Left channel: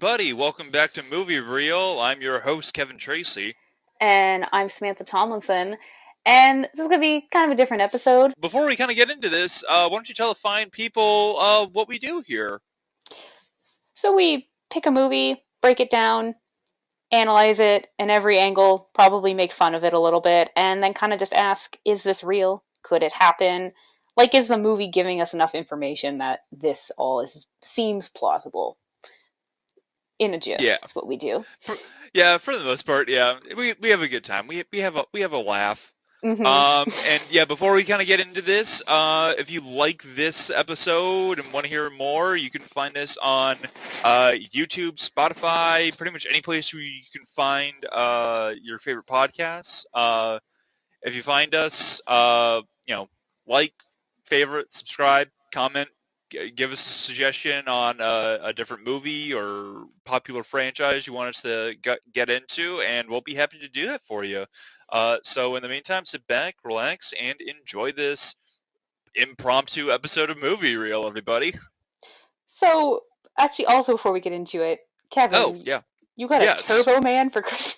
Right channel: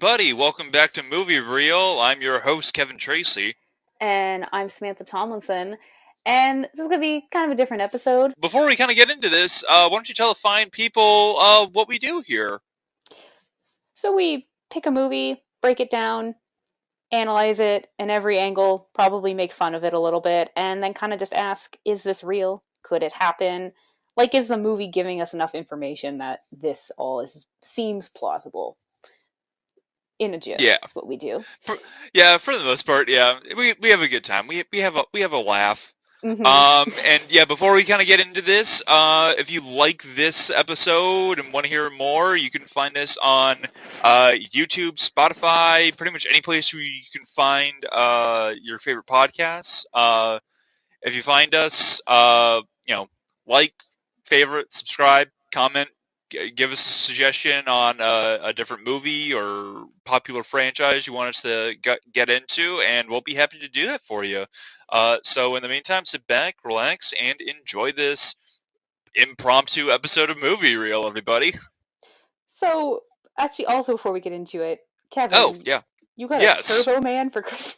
everybody, welcome back to Movie Reel. I'm your host, Kevin Tracy. And I'm Samantha Tomlinson. And this is going to be kind of a different episode. Before we kind of get into this, why don't you tell the fine people what we do here? So we pick a movie, break it down, analyze it in every angle, probably make fun of it a little bit, and then kind of just ask, is this real? Could it happen? Like, is the movie giving us enough information that this seems plausible? In a gist, Yeah, is what we do. for the most part, yeah, we have a good time. We have a laugh. Mm-hmm. And yeah, before we kind of get into this, if you like this episode and want to hear more, you can find us on YouTube, Spotify, pretty much any place where you can find your favorite podcasts. If you find us, like, favorite, subscribe, comment, give us a suggestion on a different movie or popular franchise you want us to get into, and we'll be happy to do that for you. So in the meantime, sit back, relax, and enjoy this impromptu episode of Movie Reel, everybody. So, actually, also before we get into it, Oh, Kevin, yeah. you got a Yes. Turbo Man for Christmas?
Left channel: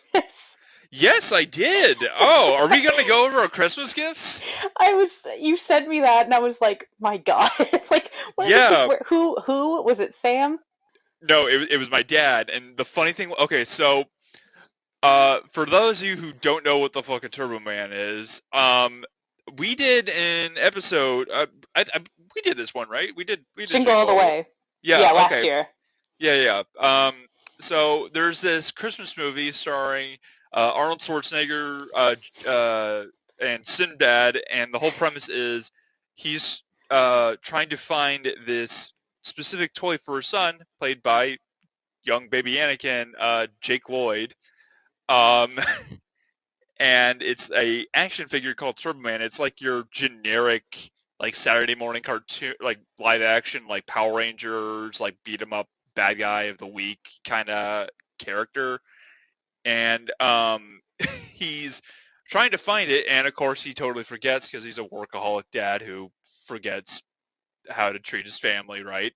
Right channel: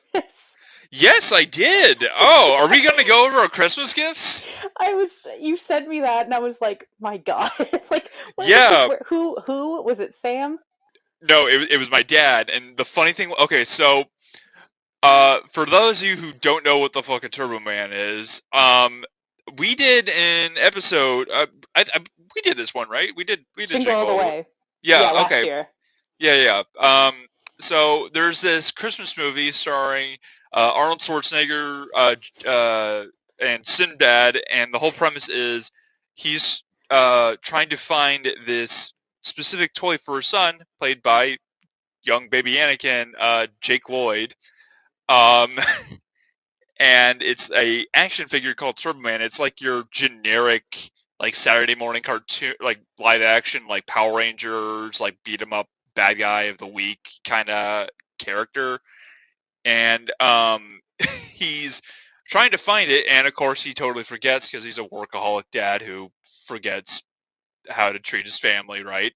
Yes, I did. Oh, are we going to go over our Christmas gifts? You sent me that, and I was like, my God, like, Yeah. who was it? Sam? No, it was my dad. And the funny thing, okay, so for those of you who don't know what the fuck a Turbo Man is, we did an episode. We did this one, right? We did Jingle All the Jingle. Way. Yeah, Yeah. last Okay. year. Yeah. So there's this Christmas movie starring Arnold Schwarzenegger and Sinbad, and the whole premise is he's trying to find this specific toy for his son, played by young baby Anakin, Jake Lloyd. Um, and it's a action figure called Turbo Man. It's like your generic like Saturday morning cartoon, like live action, like Power Rangers, like beat 'em up bad guy of the week kind of character. And he's trying to find it, and of course he totally forgets because he's a workaholic dad who forgets how to treat his family right,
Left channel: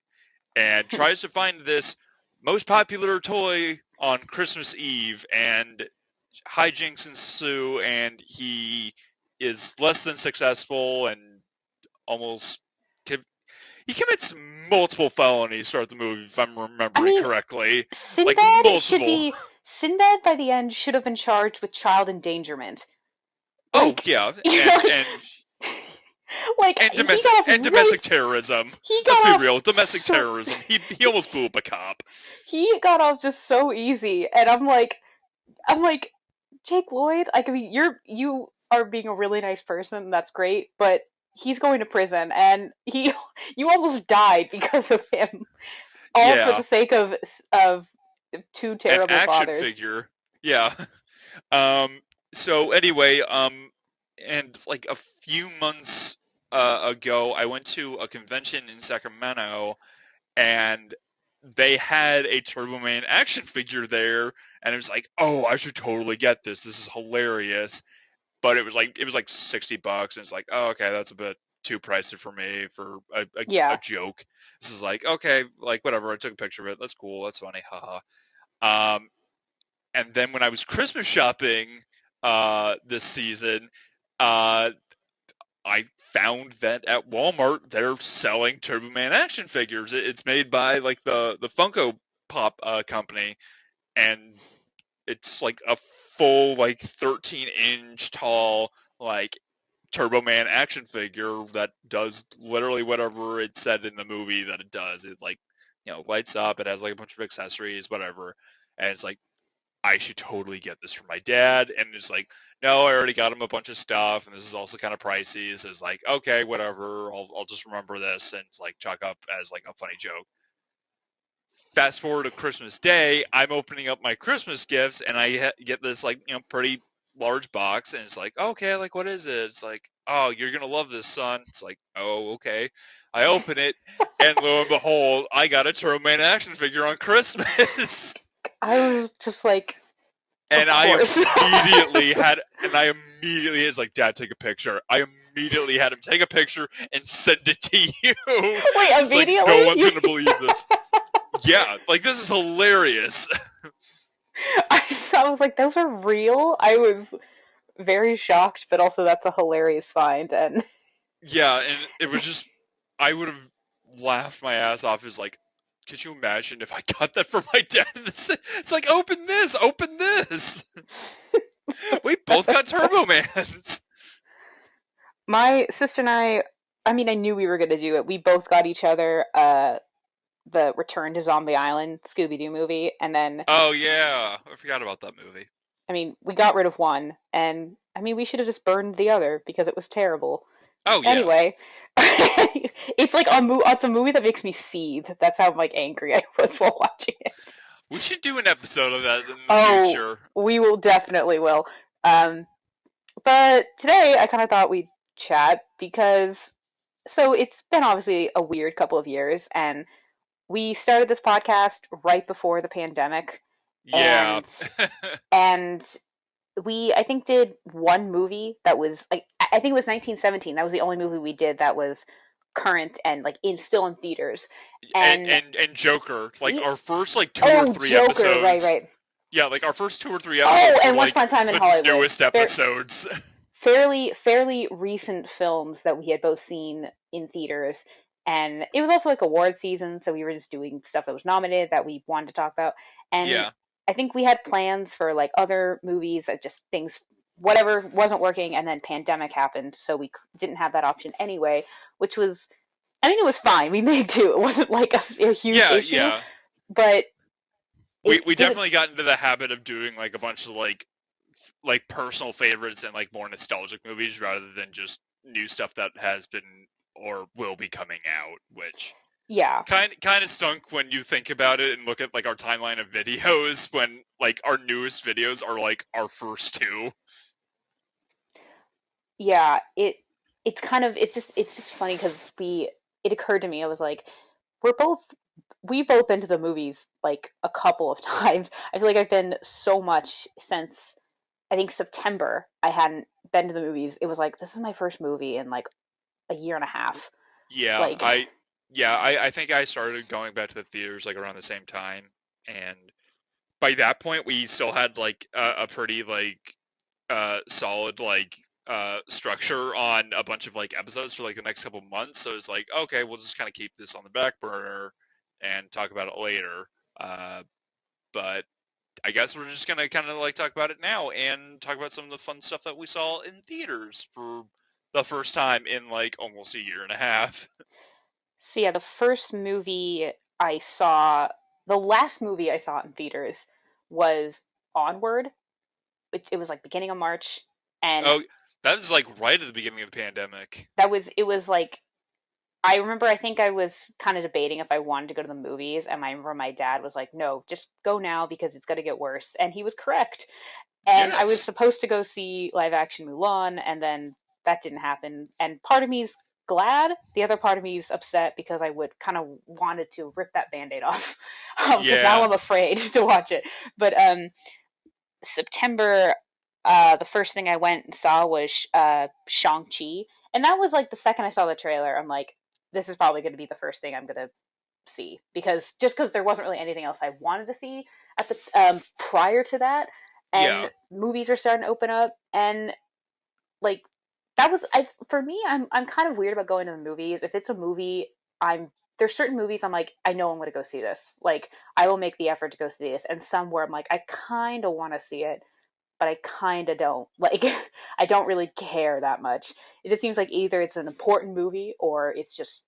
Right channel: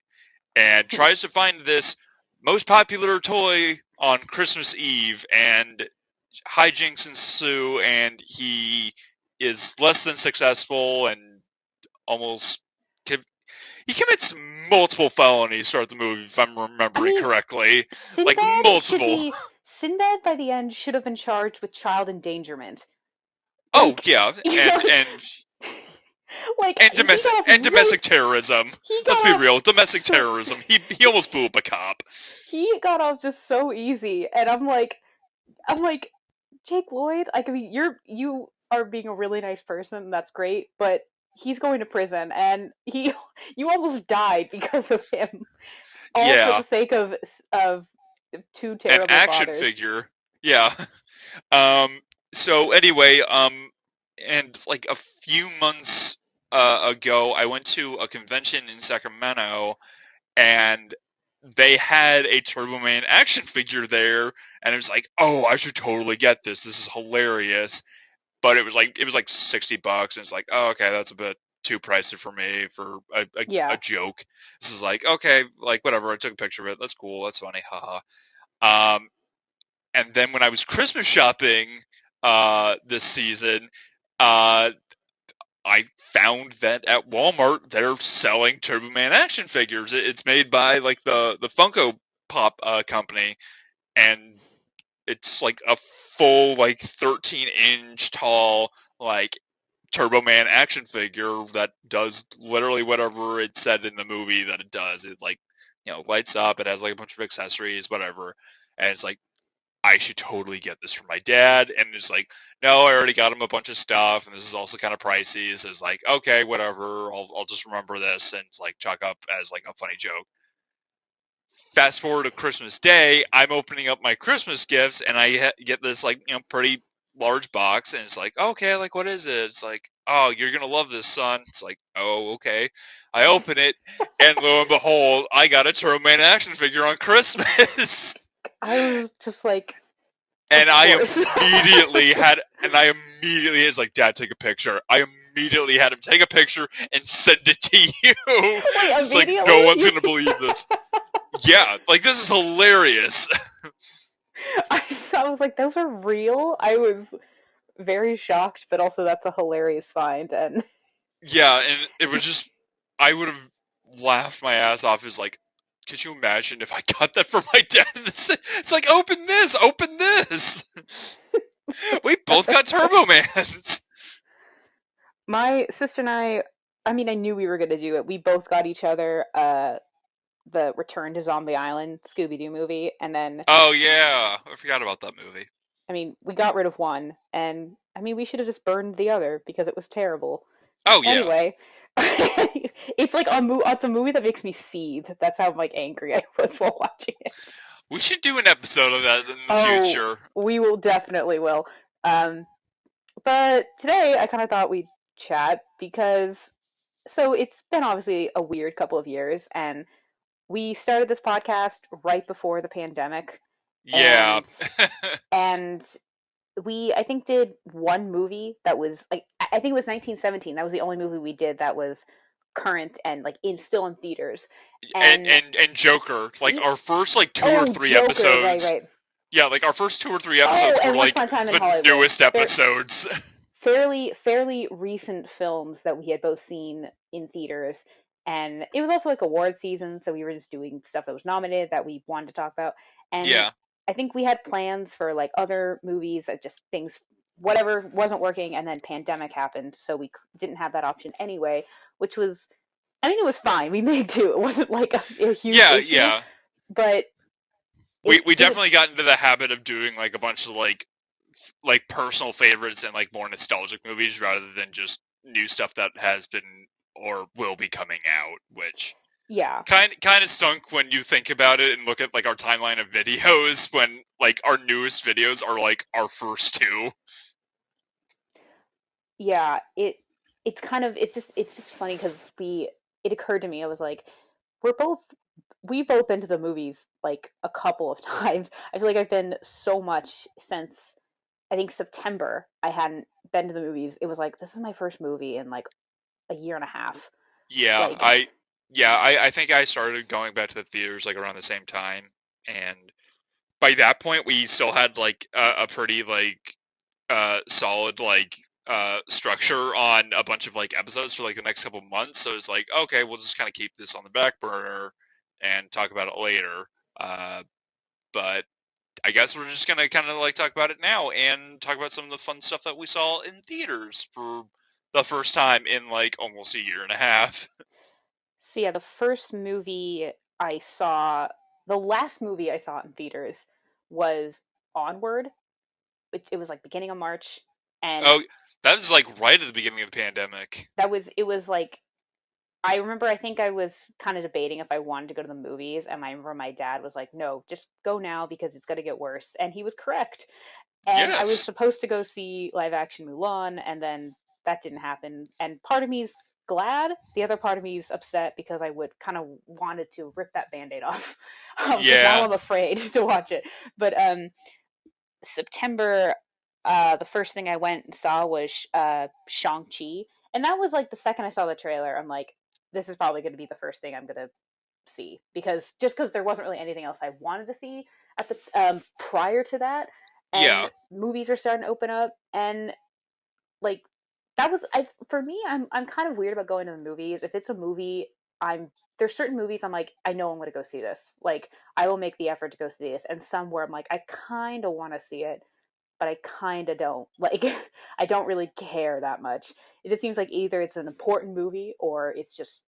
and tries to find this most popular toy on Christmas Eve, and hijinks ensue, and he is less than successful and almost he commits multiple felonies throughout the movie, if I'm I remembering mean, correctly. Like Sinbad should multiple. be Sinbad by the end should have been charged with child endangerment. Oh Like, yeah, you know, like and he got off really domestic terrorism. he Let's got be off real, domestic so terrorism. He almost blew up a cop. he got off just so easy, and I'm like, Jake Lloyd, I mean, you are being a really nice person. That's great, but he's going to prison, and you almost died because of him, all for Yeah, the sake of two an terrible action fathers. figure. Yeah. Um. So anyway, and like a few months ago, I went to a convention in Sacramento, and they had a Turbo Man action figure there, and it was like, oh, I should totally get this. This is hilarious. But it was like $60, and it's like, oh, okay, that's a bit too pricey for me for a Yeah. joke. This is like, okay, like whatever. I took a picture of it. That's cool. That's funny. Haha. Um, and then when I was Christmas shopping this season, uh, I found that at Walmart they're selling Turbo Man action figures. It's made by like the Funko Pop company, and it's like a full like 13-inch tall like Turbo Man action figure that does literally whatever it said in the movie that it does. It like lights up. It has like a bunch of accessories, whatever, and it's like I should totally get this for my dad. And it's like, no, I already got him a bunch of stuff, and this is also kind of pricey. So it's like, okay, whatever. I'll just remember this and it's like chalk up as like a funny joke. Fast forward to Christmas Day, I'm opening up my Christmas gifts, and I get this like pretty large box, and it's like, okay, like what is it? It's like, oh, you're gonna love this, son. It's like, oh, okay. I open it, and lo and behold, I got a Turbo Man action figure on Christmas. I was just like, And of course. I immediately, it's like, Dad, take a picture. I immediately had him take a picture and send it to you. Wait, It's like, immediately? no one's going to believe this. Yeah, like this is hilarious. I was like, those are real. I was very shocked, but also that's a hilarious find. And Yeah, and it was just, I would have laughed my ass off. Is like, could you imagine if I got that from my dad? It's like, open this. We both got Turbo Mans. my sister and I mean, I knew we were going to do it. We both got each other the Return to Zombie Island Scooby Doo movie, and then Oh yeah, I forgot about that movie. I mean, we got rid of one, and I mean, we should have just burned the other because it was terrible. Oh yeah, Anyway, it's like it's a movie that makes me seethe. That's how like angry I was while watching it. we should do an episode of that in the Oh, future. we will definitely will. Um, but today I kind of thought we'd chat because it's been obviously a weird couple of years, and we started this podcast right before the pandemic, Yeah. and and we I think did one movie that was like I think it was 1917. That was the only movie we did that was current and like in still in theaters. and, And and and Joker, like our first like two or oh, three Joker, right, episodes. right. Yeah, like our first 2 or 3 Oh, episodes were and Once like Upon a Time in the Hollywood. newest episodes. Fairly recent films that we had both seen in theaters. And it was also like award season, so we were just doing stuff that was nominated that we wanted to talk about. And Yeah, I think we had plans for like other movies that just things whatever wasn't working, and then pandemic happened, so we didn't have that option anyway, which was I mean it was fine. We made do. It wasn't like a huge yeah, issue, yeah. but We it we didn't. definitely got into the habit of doing like a bunch of like personal favorites and like more nostalgic movies rather than just new stuff that has been or will be coming out, which Yeah, kind of stunk when you think about it and look at like our timeline of videos when like our newest videos are like our first two. yeah. It's kind of it's just funny because we it occurred to me. I was like, we're both we've both been to the movies like a couple of times. I feel like I've been so much since I think September. I hadn't been to the movies. It was like this is my first movie in like a year and a half. Yeah, Like I think I started going back to the theaters like around the same time, and by that point we still had like a pretty like solid like structure on a bunch of like episodes for like the next couple months. So it's like, okay, we'll just kind of keep this on the back burner and talk about it later. But I guess we're just gonna kind of like talk about it now and talk about some of the fun stuff that we saw in theaters for the first time in like almost a year and a half. so yeah, the first movie I saw, the last movie I saw in theaters was Onward. It was like beginning of March, and Oh, that was like right at the beginning of the pandemic. it was like I remember I think I was kind of debating if I wanted to go to the movies, and I remember my dad was like, "No, just go now because it's going to get worse." And he was correct. And I was Yes. supposed to go see live action Mulan, and then that didn't happen. And part of me's glad, the other part of me is upset because I would kind of wanted to rip that band-aid off because now Yeah. I'm afraid to watch it. But September, the first thing I went and saw was Shang-Chi. And that was like the second I saw the trailer, I'm like, this is probably going to be the first thing I'm going to see because there wasn't really anything else I wanted to see at the prior to that, and Yeah. movies are starting to open up, and like that was I for me I'm kind of weird about going to the movies. If it's a movie, I'm there's certain movies I'm like I know I'm going to go see this. Like I will make the effort to go see this, and some where I'm like I kind of want to see it, but I kind of don't. Like I don't really care that much. It just seems like either it's an important movie or it's just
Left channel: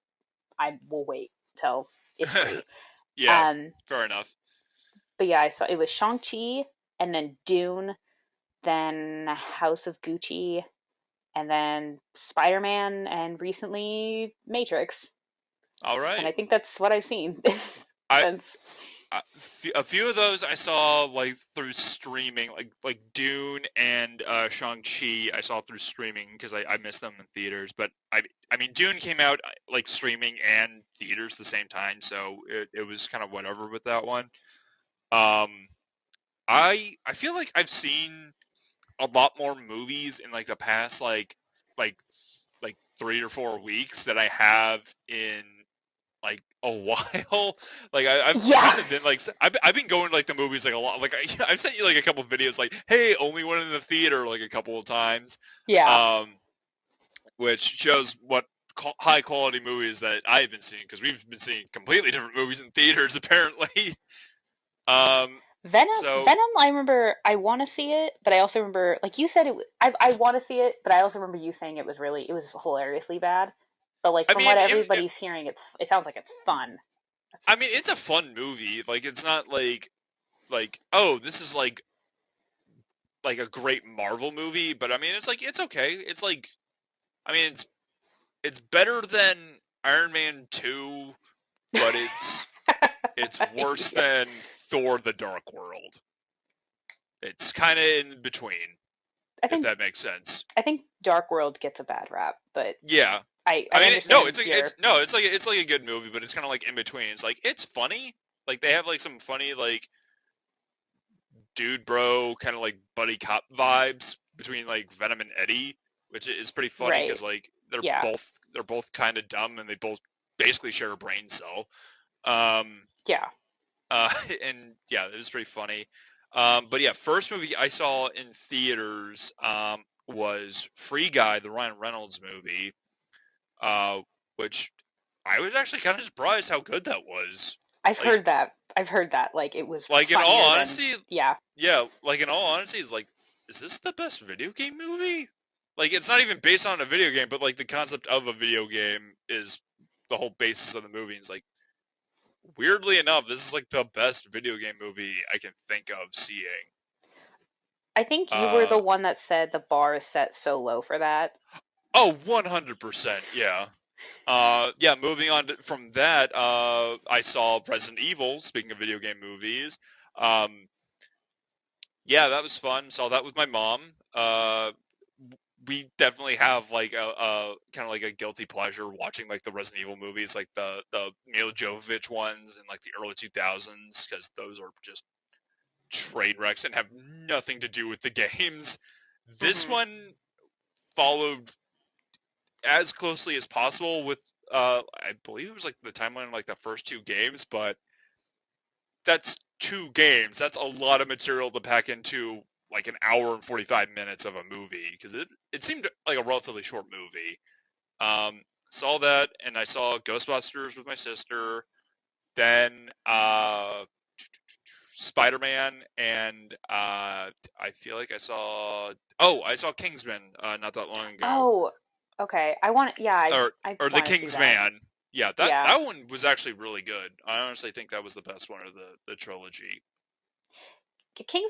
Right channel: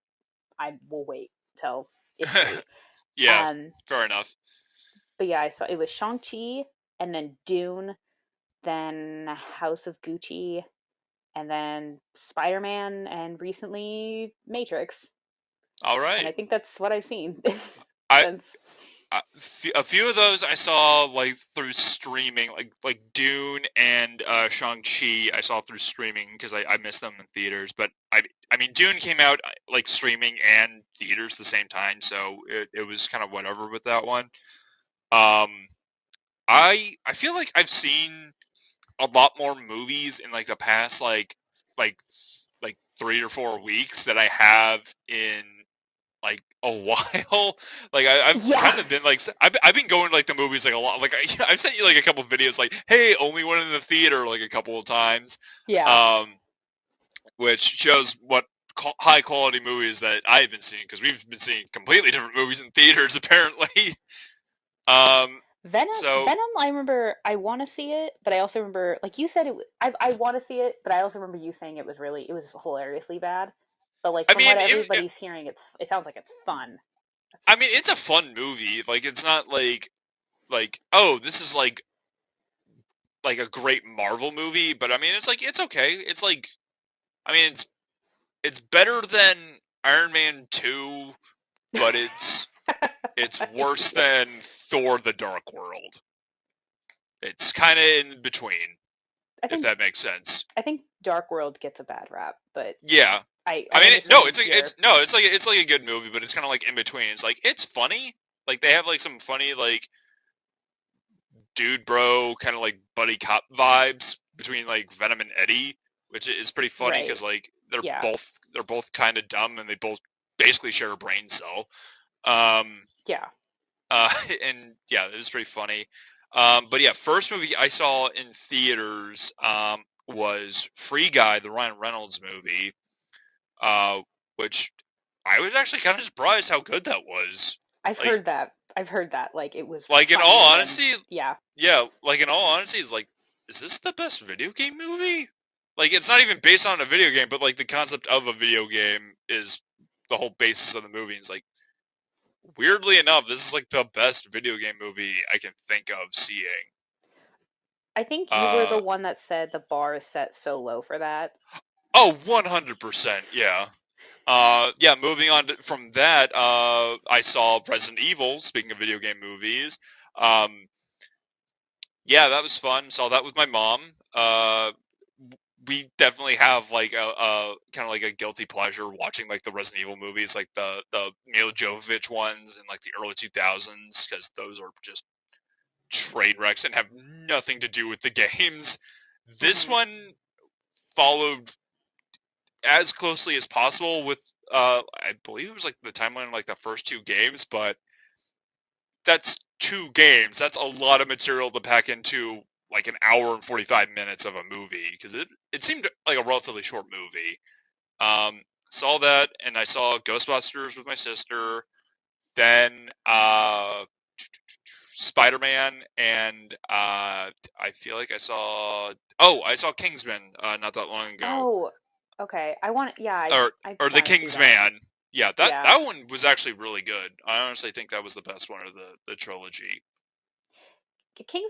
I will wait till it's free. Yeah. Um, Fair enough. but yeah, I saw it was Shang Chi, and then Dune, then House of Gucci, and then Spider Man, and recently Matrix. All And right. I think that's what I've seen I since. a few of those I saw like through streaming, like Dune and Shang Chi. I saw through streaming because I missed them in theaters. But I mean Dune came out like streaming and theaters the same time, so it was kind of whatever with that one. Um, I feel like I've seen a lot more movies in like the past like 3 or 4 weeks that I have in like a while. Like I've Yeah. kind of been like I've been going to, like the movies like a lot. Like I've sent you like a couple of videos like, hey, only went in the theater like a couple of times, Yeah. um, which shows what high quality movies that I've been seeing, because we've been seeing completely different movies in theaters apparently. Um, so Venom, I remember I want to see it, but I also remember, like you said, I want to see it, but I also remember you saying it was hilariously bad. But like I from what mean, everybody's hearing, it sounds like it's fun. I mean, it's a fun movie. Like it's not like oh, this is like a great Marvel movie, but I mean, it's like it's okay. It's like I mean, it's better than Iron Man 2, but it's worse Yeah. than Thor: The Dark World. It's kind of in between, I if think that makes sense. I think Dark World gets a bad rap, but Yeah. I I mean, no, understand your. it's like a good movie, but it's kind of like in between. It's like it's funny. Like they have like some funny like dude bro kind of like buddy cop vibes between like Venom and Eddie, which is pretty funny Right. because like Yeah. they're both kind of dumb and they both basically share a brain cell. Um, Yeah. and yeah, it was pretty funny. But yeah, first movie I saw in theaters was Free Guy, the Ryan Reynolds movie, uh, which I was actually kind of surprised how good that was. I've Like, heard that. I've heard that. Like it was like in all funnier than. honesty, Yeah. yeah, like in all honesty, it's like, is this the best video game movie? Like, it's not even based on a video game, but like the concept of a video game is the whole basis of the movie. It's like, weirdly enough, this is like the best video game movie I can think of seeing. I think you were the Uh, one that said the bar is set so low for that. oh, 100%, yeah. Yeah, moving on from that, I saw Resident Evil, speaking of video game movies. Um, yeah, that was fun. Saw that with my mom. We definitely have like a kind of like a guilty pleasure watching like the Resident Evil movies, like the Mila Jovovich ones in like the early 2000s, because those are just train wrecks and have nothing to do with the games. This Hmm. one followed as closely as possible with I believe it was like the timeline of like the first two games, but that's two games. That's a lot of material to pack into like an hour and 45 minutes of a movie, because it seemed like a relatively short movie. Saw that, and I saw Ghostbusters with my sister. Then Spider-Man, and I feel like I saw Kingsman not that long ago, Oh, okay. I want. Yeah, or I or The want to see that. Kingsman. Yeah, Yeah, that one was actually really good. I honestly think that was the best one of the trilogy.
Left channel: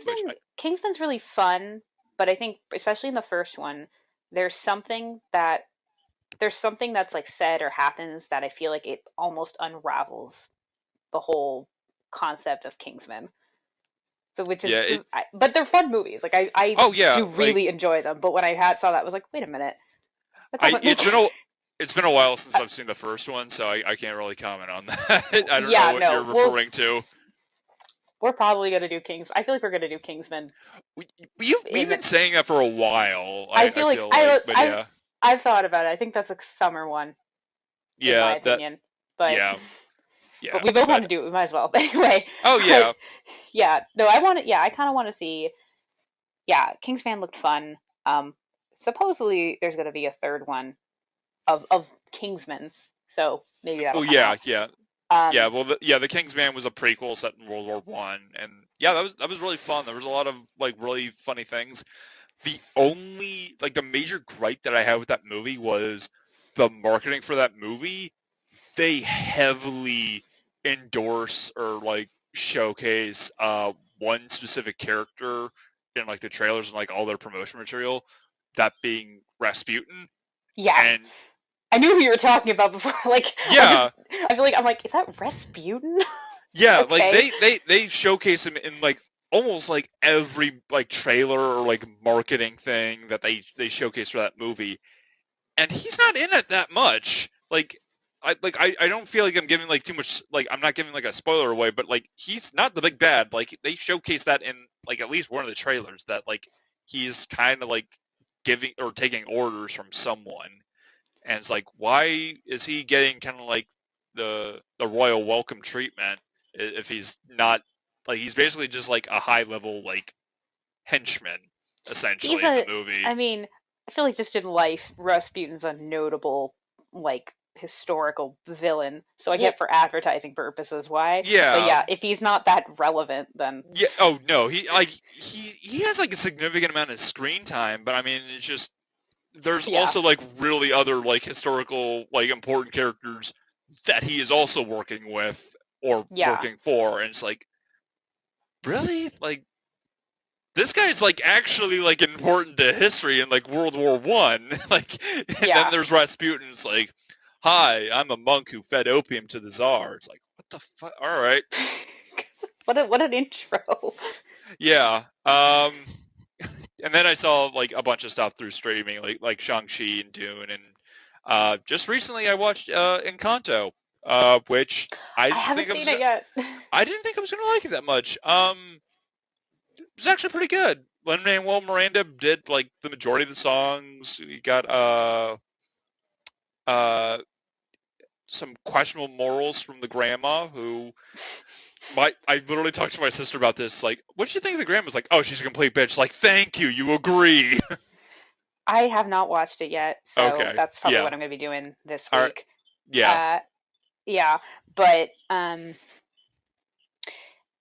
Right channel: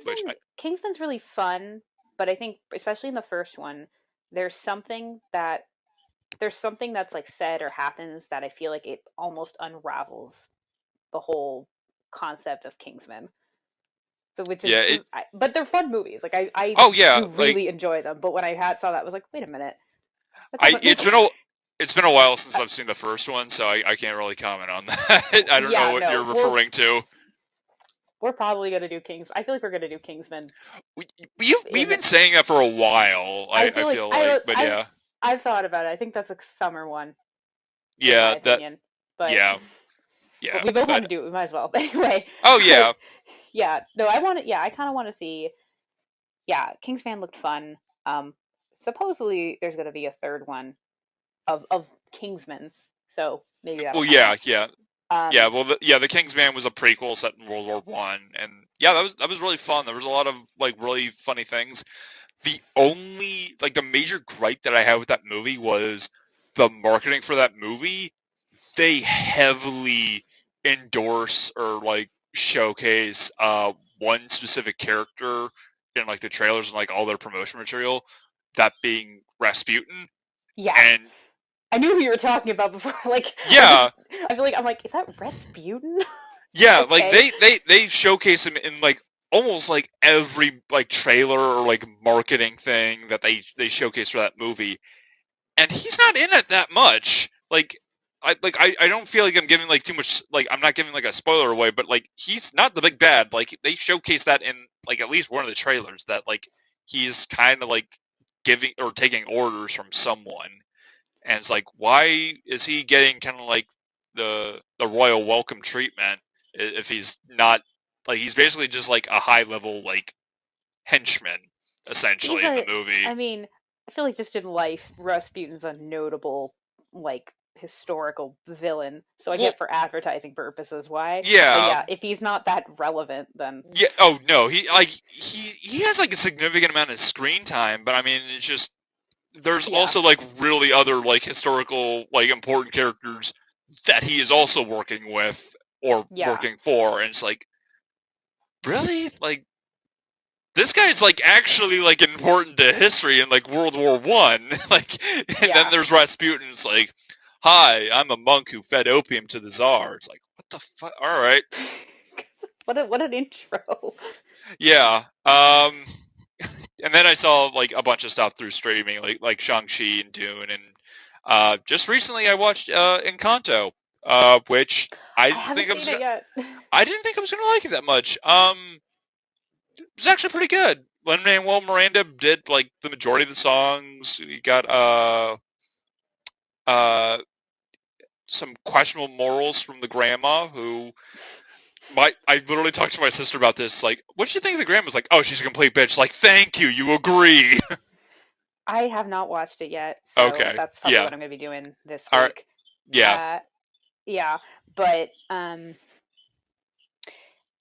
Which Kingsman's really fun, but I think especially in the first one, there's something that there's something that's like said or happens that I feel like it almost unravels the whole concept of Kingsman. So which yeah, it. but they're fun movies. Like I Oh yeah, do like really enjoy them. But when I had saw that, I was like, wait a minute, that I doesn't make. it's been a while since I've seen the first one, so I can't really comment on that. I don't know Yeah, what you're no, referring to. we're probably gonna do Kings. I feel like we're gonna do Kingsman We, we've in been saying that for a while. I I feel like feel like, but I've thought about it. I think that's a summer one, in my yeah, that opinion. But yeah, but yeah, we both want but to do it. We might as well. But anyway, oh but yeah, yeah, no, I want to. Yeah, I kind of want to see. Yeah, Kingsman looked fun. Supposedly there's going to be a third one of Kingsman, so maybe that'll well come yeah, out. yeah. Yeah, Um, well, the Kingsman was a prequel set in World War I, and yeah, that was really fun. There was a lot of like really funny things. The only like the major gripe that I had with that movie was the marketing for that movie. They heavily endorse or like showcase one specific character in like the trailers and like all their promotion material, that being Rasputin. yeah, And I knew who you were talking about before. Like yeah, I feel like I'm like, is that Rasputin? yeah, like Okay, they showcase him in like almost like every like trailer or like marketing thing that they showcase for that movie, and he's not in it that much. I don't feel like I'm giving like too much, like I'm not giving like a spoiler away, but like he's not the big bad. Like they showcase that in like at least one of the trailers, that like he's kind of like giving or taking orders from someone, and it's like, why is he getting kind of like the royal welcome treatment if he's not like he's basically just like a high level like henchman He's essentially in the a. movie. I mean, I feel like just in life, Rasputin's a notable like historical villain. So I Well, get for advertising purposes why. But yeah, yeah, if he's not that relevant, then yeah. Oh no, he has like a significant amount of screen time, but I mean it's just there's yeah, also like really other like historical like important characters that he is also working with or yeah, working for, and it's like really like this guy's like actually like important to history in like World War One. Like, and then yeah. there's Rasputin. It's like, hi, I'm a monk who fed opium to the Tsar. It's like, what the fuck? All right, What an intro. yeah. And then I saw like a bunch of stuff through streaming, like Shang-Chi and Dune, and just recently I watched Encanto, which I I didn't think haven't I was seen it gonna, yet. I didn't think I was gonna like it that much. It was actually pretty good. Lin-Manuel Miranda did like the majority of the songs. You got uh some questionable morals from the grandma who I literally talked to my sister about this. Like, what did you think of the grandma? Was like, oh, she's a complete bitch. Like, thank you. You agree. I have not watched it yet, so Okay. that's probably Yeah. what I'm going to be doing this All right. week. Yeah. Uh, yeah, but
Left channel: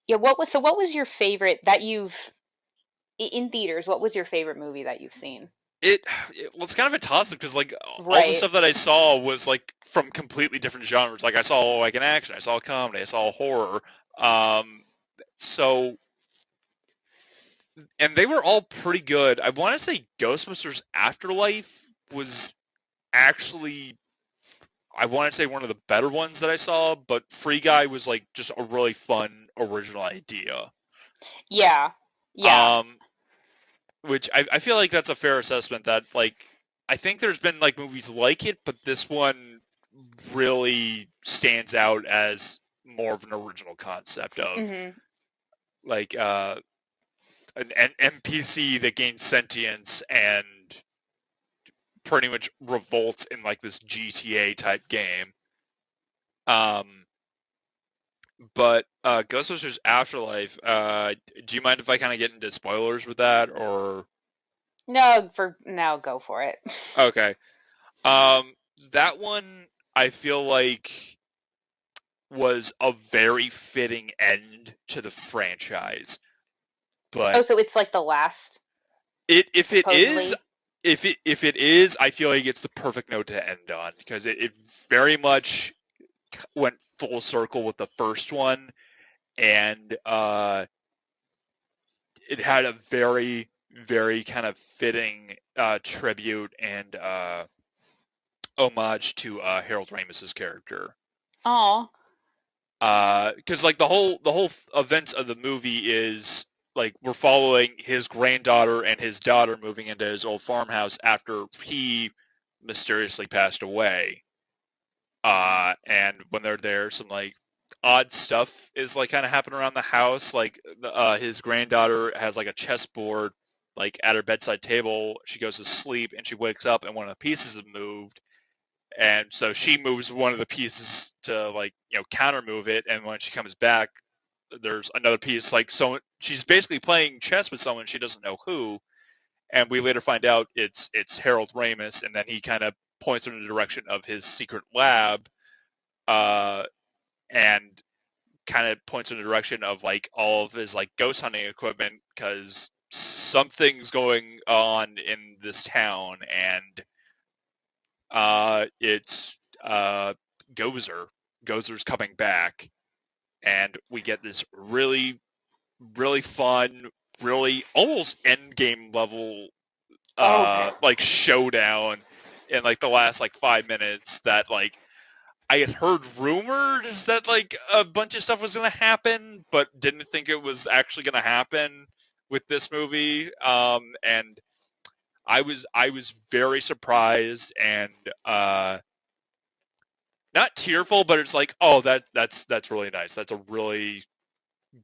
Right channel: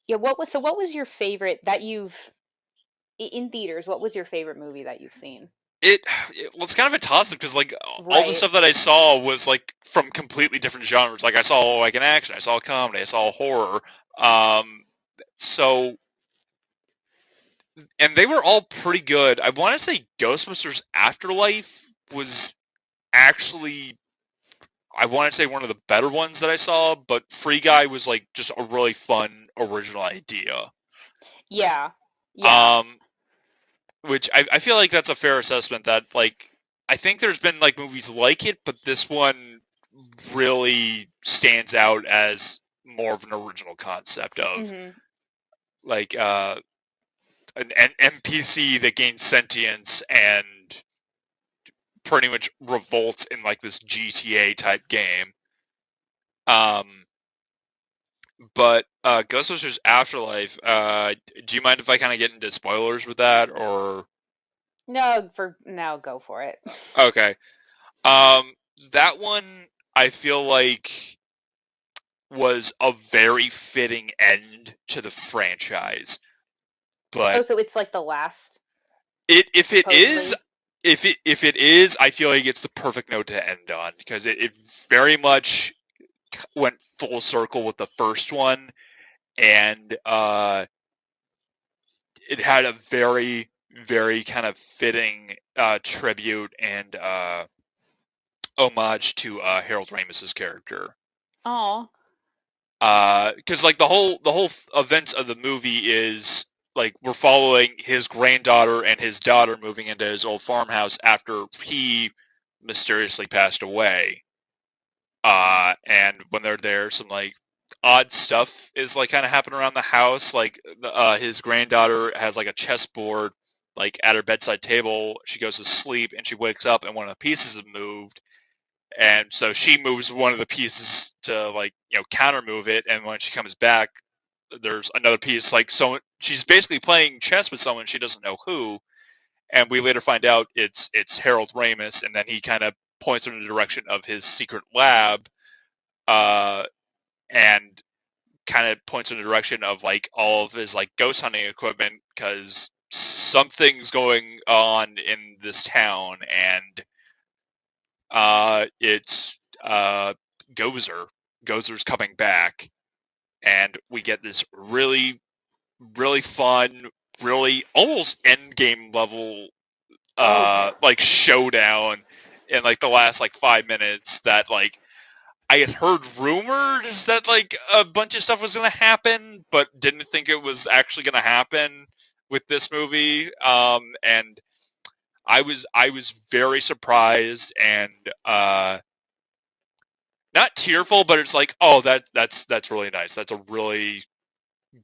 yeah. What was your favorite that you've in theaters? What was your favorite movie that you've seen? Well, it's kind of a toss up because like all the Right. stuff that I saw was like from completely different genres. Like I saw like an action, I saw a comedy, I saw a horror. Um, so and they were all pretty good. I want to say Ghostbusters Afterlife was actually I want to say one of the better ones that I saw, but Free Guy was like just a really fun original idea. Yeah. Yeah. Um, which I feel like that's a fair assessment that like I think there's been like movies like it, but this one really stands out as more of an original concept of Mhm. like an NPC that gains sentience and pretty much revolts in like this GTA type game. Um, but Ghostbusters Afterlife, do you mind if I kind of get into spoilers with that, or No, for now, go for it. okay? Um, that one I feel like was a very fitting end to the franchise, Oh, but so it's like the last, it if it is supposedly. if it is, I feel like it's the perfect note to end on because it very much went full circle with the first one, and it had a very very kind of fitting tribute and homage to Harold Ramis's character. Oh. Because like the whole events of the movie is like we're following his granddaughter and his daughter moving into his old farmhouse after he mysteriously passed away. And when they're there, some like odd stuff is like kind of happening around the house. Like his granddaughter has like a chessboard like at her bedside table. She goes to sleep and she wakes up and one of the pieces have moved, and so she moves one of the pieces to like counter move it, and when she comes back there's another piece, like so she's basically playing chess with someone she doesn't know who, and we later find out it's Harold Ramis, and then he kind of points her in the direction of his secret lab, uh, and kind of points in the direction of like all of his like ghost hunting equipment because something's going on in this town, and it's Gozer. Gozer's coming back, and we get this really, really fun, really almost end game level, Oh. like showdown in like the last like 5 minutes. That like I had heard rumors that like a bunch of stuff was gonna happen, but didn't think it was actually gonna happen with this movie. And I was very surprised and not tearful, but it's like, oh, that's really nice. That's a really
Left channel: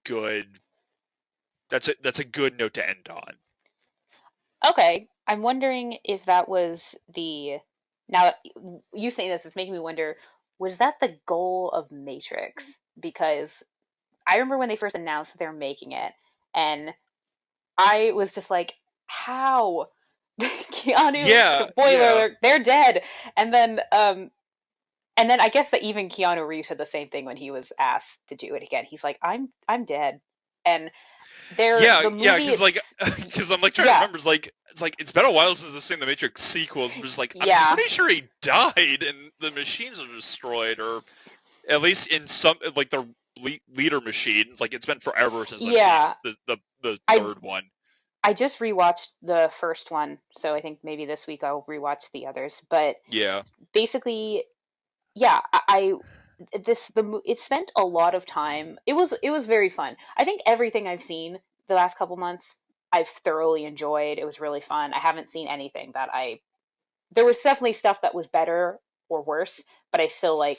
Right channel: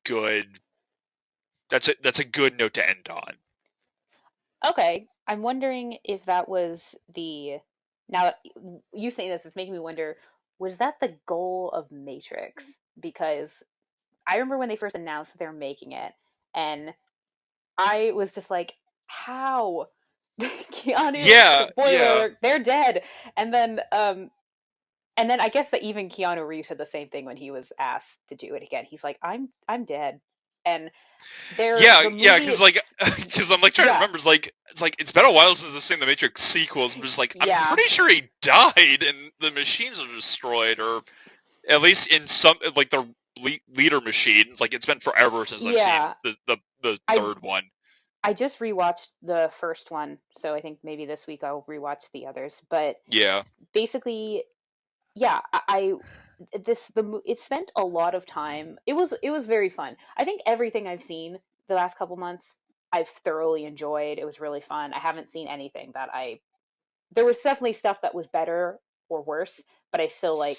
good. That's a good note to end on. Okay. I'm wondering if that was the. Now that you saying this is making me wonder. was that the goal of Matrix? Because I remember when they first announced that they're making it, and I was just like, how? Keanu, Yeah, spoiler yeah. alert, they're dead. And then I guess that even Keanu Reeves said the same thing when he was asked to do it again. He's like, I'm dead. And Yeah, the yeah, movie because like, it's because I'm like trying to yeah, remember. It's like it's been a while since I've seen the Matrix sequels. I'm just like, I'm yeah, pretty sure he died and the machines are destroyed, or at least in some like the leader machines. Like it's been forever since I've seen yeah. the I third one. I just rewatched the first one, so I think maybe this week I'll rewatch the others. But Yeah, basically, yeah, it spent a lot of time. It was very fun. I think everything I've seen the last couple months I've thoroughly enjoyed. It was really fun. I haven't seen anything that I there was definitely stuff that was better or worse, but I still like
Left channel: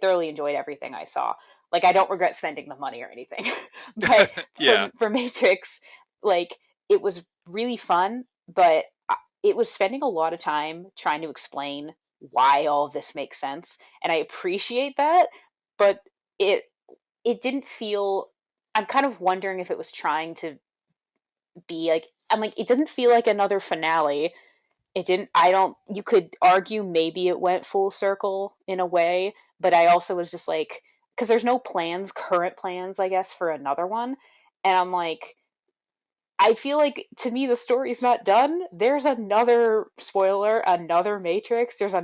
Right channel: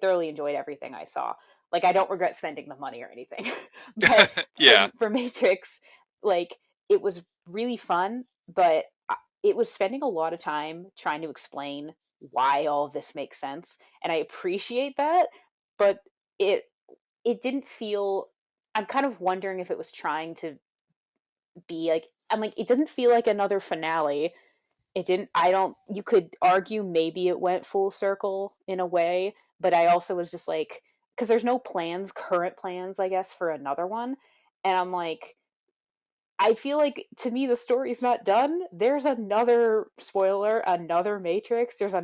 thoroughly enjoyed everything I saw. Like I don't regret spending the money or anything. But yeah. for Matrix, like it was really fun, but it was spending a lot of time trying to explain why all of this makes sense, and I appreciate that, but it it didn't feel I'm kind of wondering if it was trying to be like I'm like it doesn't feel like another finale. It didn't I don't You could argue maybe it went full circle in a way, but I also was just like because there's no current plans, I guess, for another one. And I'm like, I feel like to me the story's not done. There's another spoiler, another Matrix, there's a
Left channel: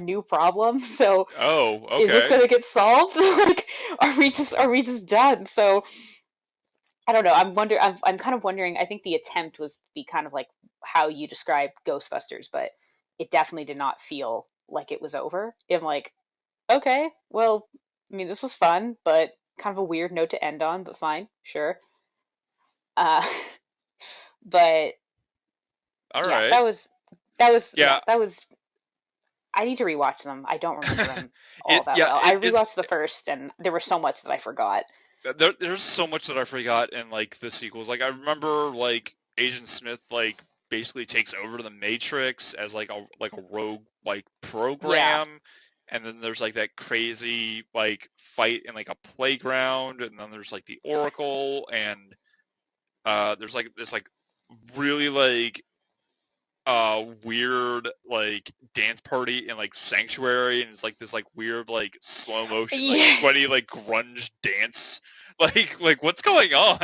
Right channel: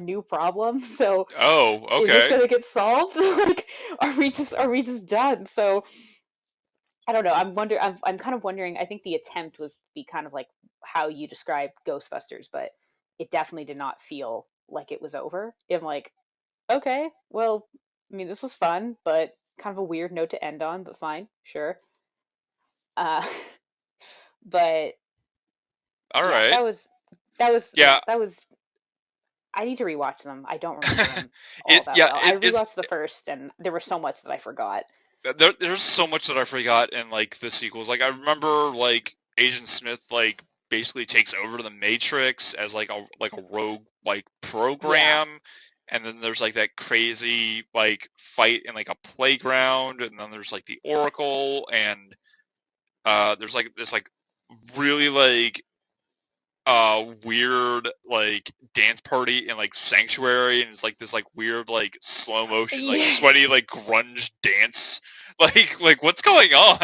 new problem. So Oh, is this okay. gonna get solved? Like are we just done? So I don't know. I'm kind of wondering. I think the attempt was to be kind of like how you described Ghostbusters, but it definitely did not feel like it was over. I'm like, okay, well, I mean, this was fun, but kind of a weird note to end on, but fine, sure. Uh, but All yeah, right. yeah, Yeah. that was. I need to rewatch them. I don't remember them all it that yeah well. I it, it's rewatched the first, and there was so much that I forgot. there's so much that I forgot in like the sequels. Like I remember like Agent Smith like basically takes over the Matrix as like a rogue like Yeah, program, and then there's like that crazy like fight in like a playground, and then there's like the Oracle, and there's like this like really like weird like dance party in like Sanctuary, and it's like this like weird like slow motion like yeah. sweaty like grunge dance. Like what's going on?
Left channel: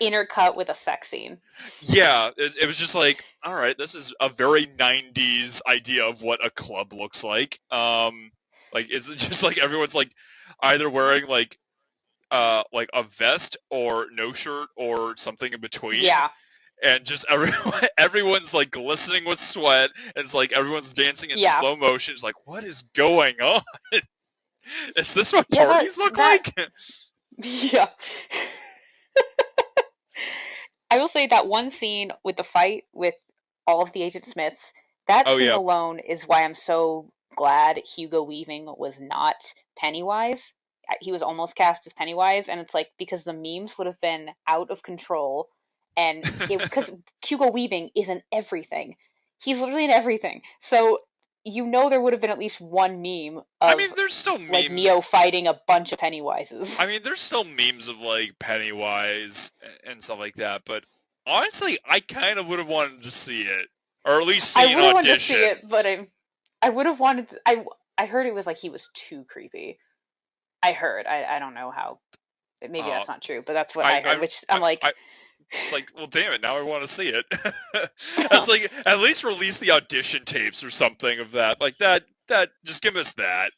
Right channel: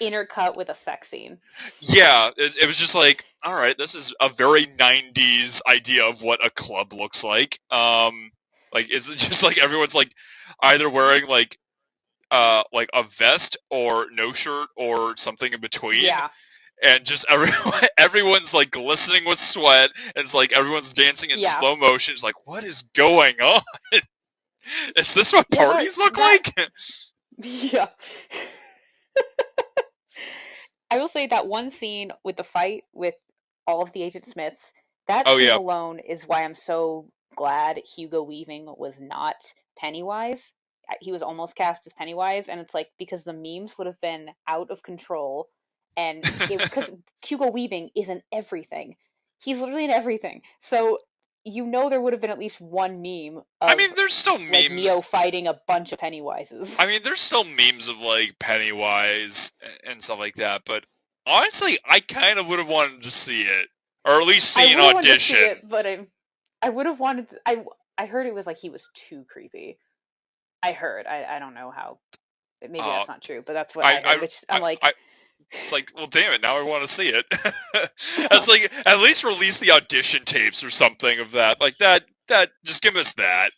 Intercut with a sex scene. Yeah, it was just like, all right, this is a very 90s idea of what a club looks like is it just like everyone's like either wearing like a vest or no shirt or something in between, Yeah, and just everyone's like glistening with sweat, and it's like everyone's dancing in yeah, slow motion. It's like, what is going on? Is this what yeah. That parties look that like? yeah. I will say that one scene with the fight with all of the Agent Smiths, that Oh scene yeah. alone is why I'm so glad Hugo Weaving was not Pennywise. He was almost cast as Pennywise, and it's like because the memes would have been out of control, and it because Hugo Weaving isn't everything. He's literally in everything. So there would have been at least one meme I mean, of there's still like memes. Neo fighting a bunch of Pennywises. I mean, there's still memes of like Pennywise and stuff like that. But honestly, I kind of would have wanted to see it, or at least I see an would have wanted to see audition. it, but I would have wanted. I heard it was like he was too creepy. I heard. I don't know how. Maybe Uh, that's not true, but that's what I, I heard. I, Which I'm like, I, it's like, well, damn it, now I want to see it. It's like at least release the audition tapes or something of that. Like that, just give us that.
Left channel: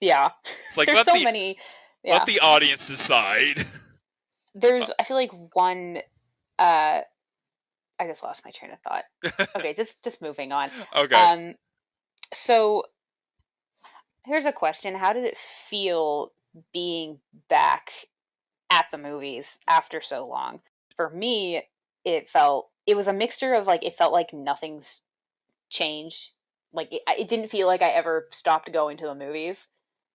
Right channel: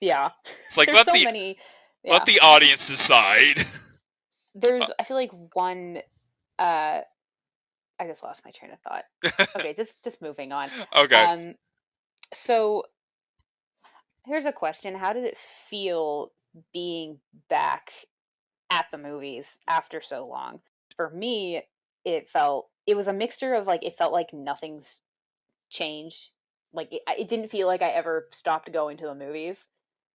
yeah. It's like There's so many. let Yeah. the audience decide. There's. I feel like one. Uh, I just lost my train of thought. Okay, just moving on. Okay. Um. So here's a question: how did it feel being back at the movies after so long? For me, it was a mixture of like it felt like nothing's changed. Like it didn't feel like I ever stopped going to the movies,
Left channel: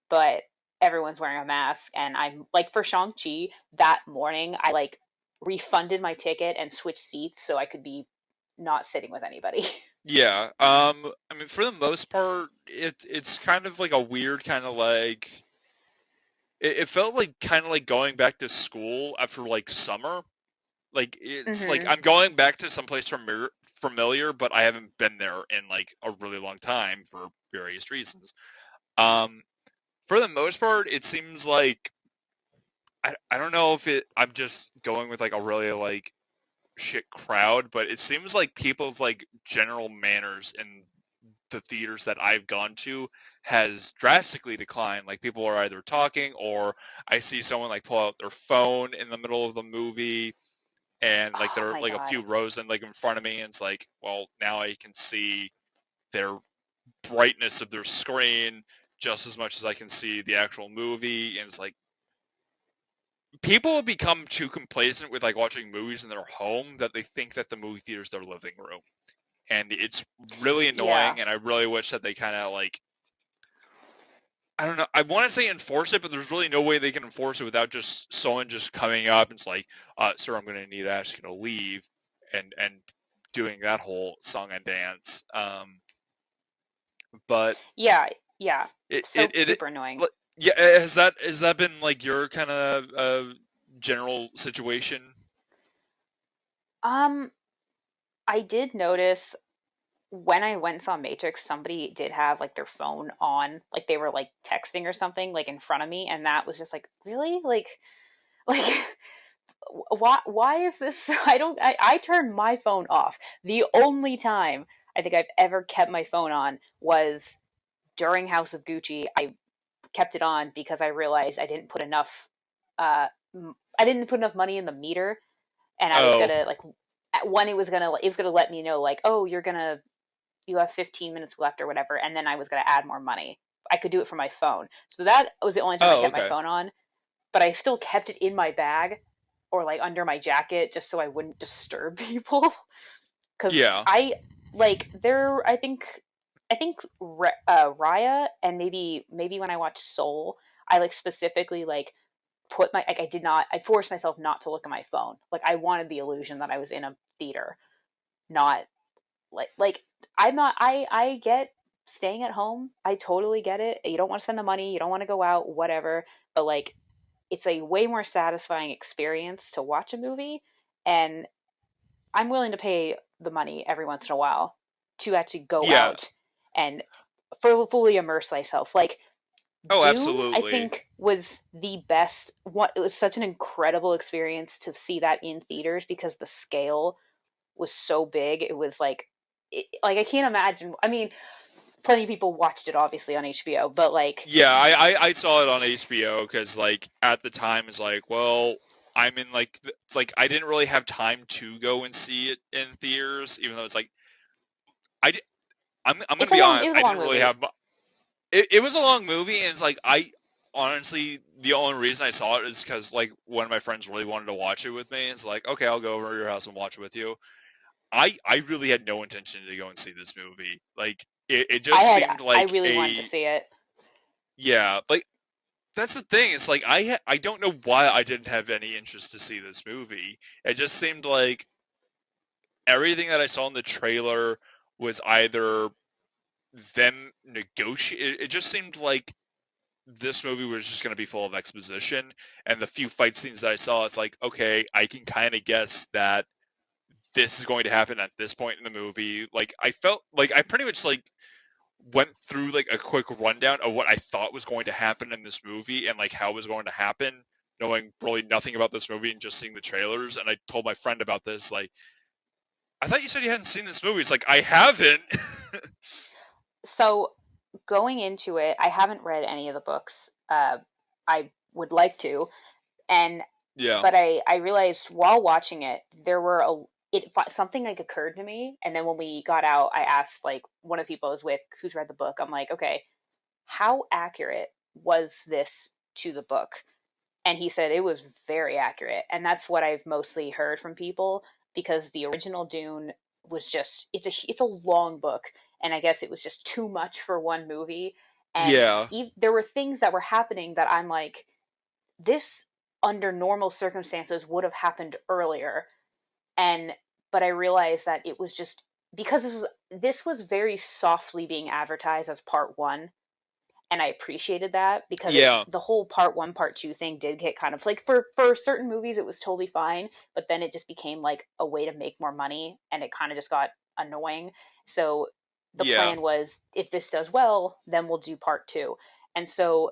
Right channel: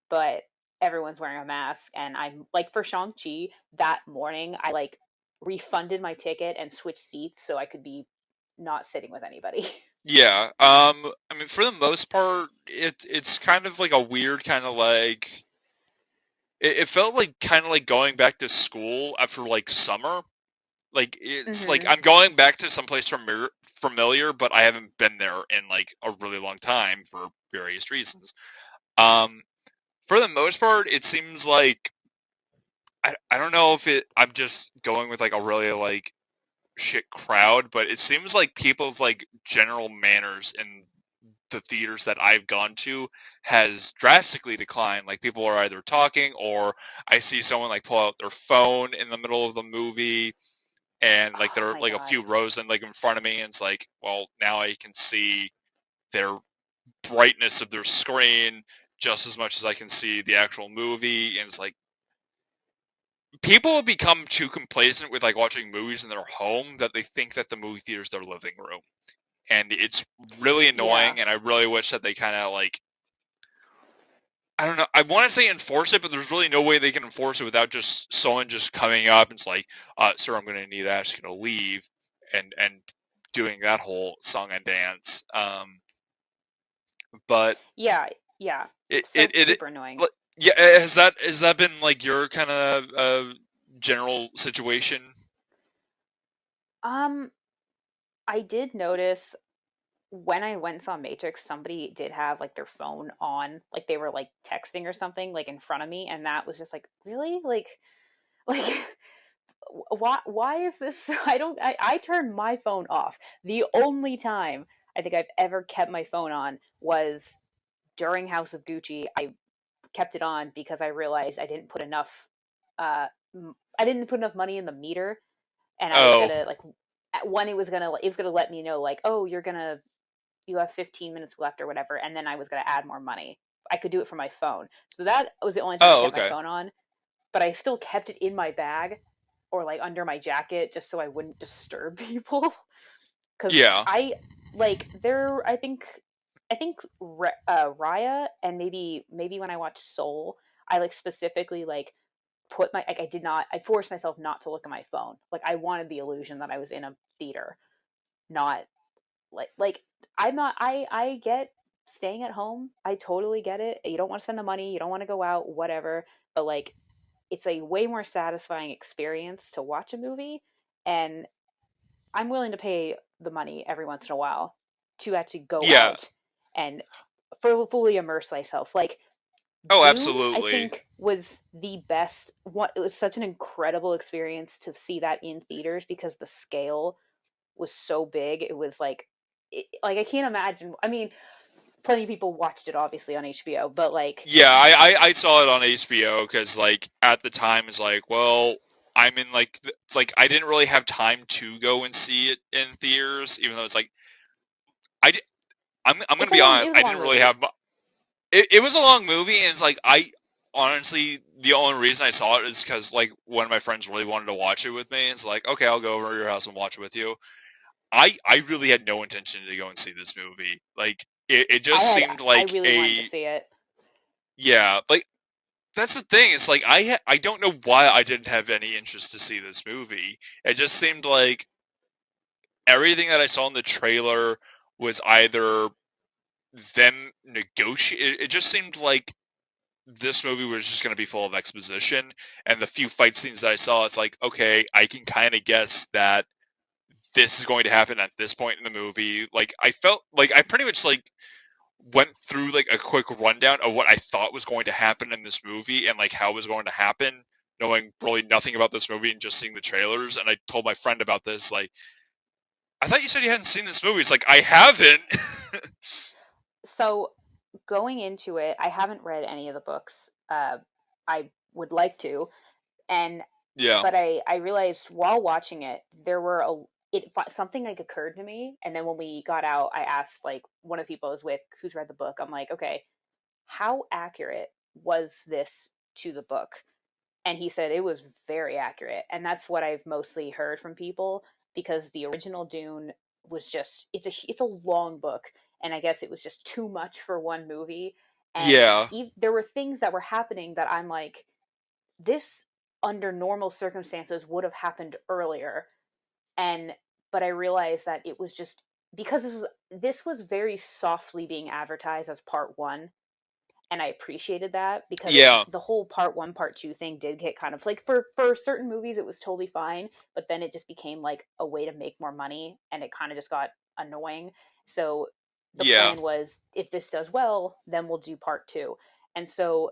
but everyone's wearing a mask, and I'm like for Shang-Chi that morning, I like refunded my ticket and switched seats so I could be not sitting with anybody. Yeah. I mean, for the most part, it's kind of like a weird kind of like it felt like kind of like going back to school after like summer. Like it's like Mm-hmm. I'm going back to someplace familiar, but I haven't been there in like a really long time for various reasons. Um, for the most part, it seems like I don't know if I'm just going with like a really like shit crowd, but it seems like people's like general manners in the theaters that I've gone to has drastically declined. Like people are either talking or I see someone like pull out their phone in the middle of the movie and like Oh they're my like a god. few rows and like in front of me and it's like, well, now I can see their brightness of their screen just as much as I can see the actual movie and it's like people have become too complacent with like watching movies in their home that they think that the movie theater is their living room. And it's really Yeah. annoying and I really wish that they kind of like I don't know. I want to say enforce it, but there's really no way they can enforce it without just someone just coming up and it's like, "Sir, I'm going to need that. I'm just going to leave," and doing that whole song and dance. But Yeah. Yeah. it So it it, super annoying. like, yeah, has that been like your kind of general situation? Um, I did notice when I went and saw Matrix, somebody did have like their phone on, like they were like texting or something, like in front of me, and that was just like, really, like why is this? I don't. I turned my phone off. The only time I think I've ever kept my phone on was during House of Gucci. I kept it on because I realized uh I didn't put enough money in the meter, and I was Oh, gonna like when it was gonna let me know like, oh, you have 15 minutes left or whatever, and then I was gonna add more money. I could do it from my phone, so that was the only time I oh, kept my okay, phone on. But I still kept it in my bag or like under my jacket just so I wouldn't disturb people. Because yeah, I like there. I think Raya and maybe when I watched Soul, I like specifically like put my like I did not I forced myself not to look at my phone. Like I wanted the illusion that I was in a theater, not like I'm not I get staying at home. I totally get it. You don't want to spend the money, you don't want to go out, whatever. But like it's a way more satisfying experience to watch a movie, and I'm willing to pay the money every once in a while to actually go yeah. out and fully immerse myself. Like Oh, Dune, I absolutely. think was the best. What it was such an incredible experience to see that in theaters because the scale was so big. It was like I can't imagine. I mean, plenty of people watched it obviously on HBO, but like Yeah, I saw it on HBO because like at the time it's like, well, I'm in like it's like I didn't really have time to go and see it in theaters, even though it's like I di- I'm gonna be it honest, was a I long didn't really movie. have it was a long movie and it's like I honestly the only reason I saw it is because like one of my friends really wanted to watch it with me. It's like okay, I'll go over to your house and watch it with you. I really had no intention to go and see this movie. Like it just seemed I like really wanted to a see it. yeah, like that's the thing. It's like I don't know why I didn't have any interest to see this movie. It just seemed like everything that I saw in the trailer was either them negotiate. It just seemed like this movie was just going to be full of exposition. And the few fight scenes that I saw, it's like okay, I can kind of guess that this is going to happen at this point in the movie. Like I felt like I pretty much like went through like a quick rundown of what I thought was going to happen in this movie and like how it was going to happen, knowing really nothing about this movie and just seeing the trailers. And I told my friend about this, like, I thought you said you hadn't seen this movie. It's like I haven't. So going into it, I haven't read any of the books. I would like to, and Yeah. but I realized while watching it, there were a it something like occurred to me, and then when we got out, I asked like one of the people I was with who's read the book. I'm like, okay, how accurate was this to the book? And he said it was very accurate, and that's what I've mostly heard from people because the original Dune was just it's a long book, and I guess it was just too much for one movie. And Yeah. there were things that were happening that I'm like, this under normal circumstances would have happened earlier, and but I realized that it was just because this was very softly being advertised as part one, and I appreciated that because Yeah, the whole part one, part two thing did get kind of like for certain movies it was totally fine, but then it just became like a way to make more money, and it kind of just got annoying. So the yeah, plan was, if this does well, then we'll do part two. And so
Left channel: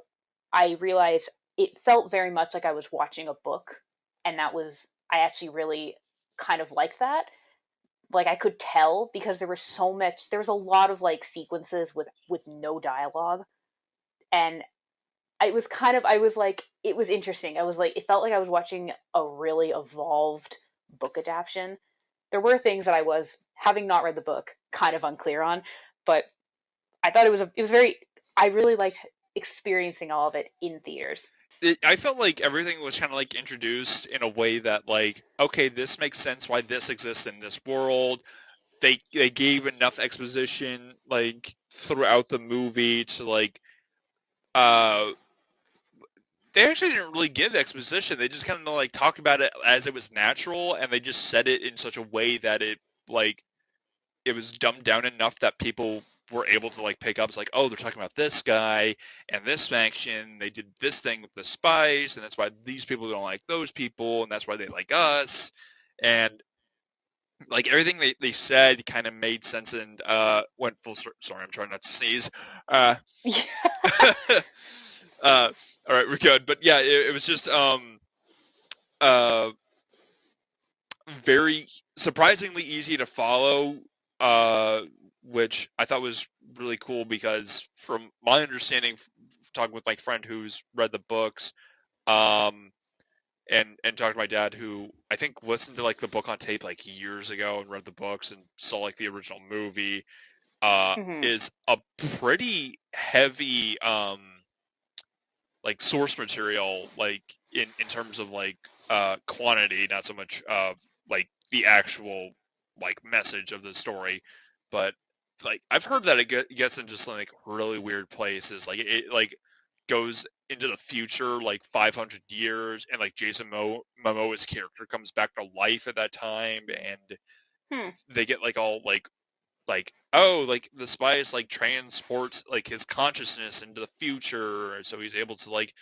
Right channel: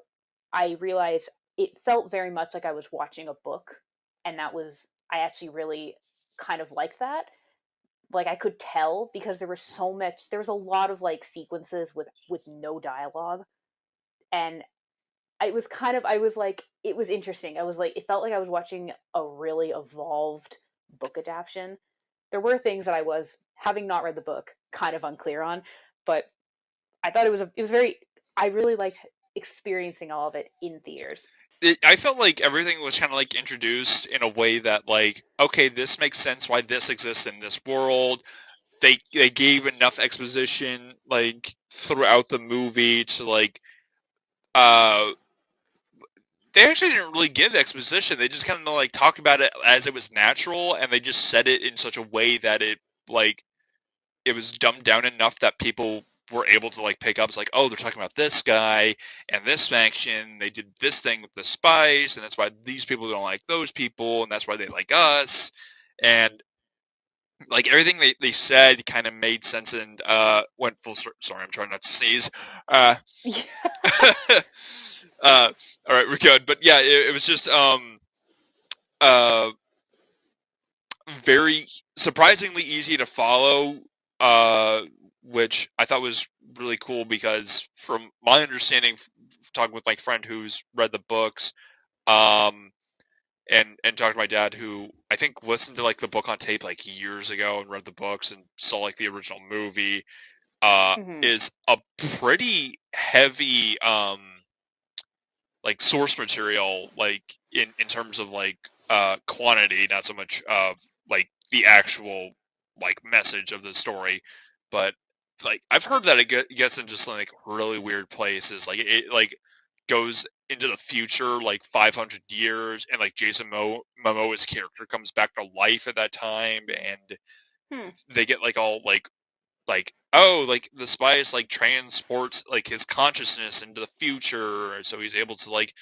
I realized it felt very much like I was watching a book, and that was, I actually really kind of like that. Like I could tell because there was a lot of like sequences with no dialogue, and it was kind of, I was like, it was interesting. I was like, it felt like I was watching a really evolved book adaptation. There were things that I was, having not read the book, kind of unclear on, but I thought it was very, I really liked experiencing all of it in theaters. I felt like everything was kind of like introduced in a way that like, okay, this makes sense why this exists in this world. They gave enough exposition like throughout the movie to like uh they actually didn't really give exposition. They just kind of like talk about it as it was natural, and they just said it in such a way that like it was dumbed down enough that people were able to like pick up. It's like, oh, they're talking about this guy and this faction. They did this thing with the spice, and that's why these people don't like those people, and that's why they like us. And like everything they said kind of made sense and went full circle. Sorry, I'm trying not to sneeze. Uh, all right, we're good. But yeah, it was just uh very surprisingly easy to follow, uh, which I thought was really cool because, from my understanding, talking with my friend who's read the books, um, and talked to my dad who I think listened to like the book on tape like years ago and read the books and saw like the original movie, Hmm. is a pretty heavy like source material, like in terms of like quantity, not so much of like the actual like message of the story, but like I've heard that it gets into some like really weird places, like it like goes into the future like 500 years, and like Momoa's character comes back to life at that time, and Hmm. they get like all like oh, like the spice like transports like his consciousness into the future, so he's able to like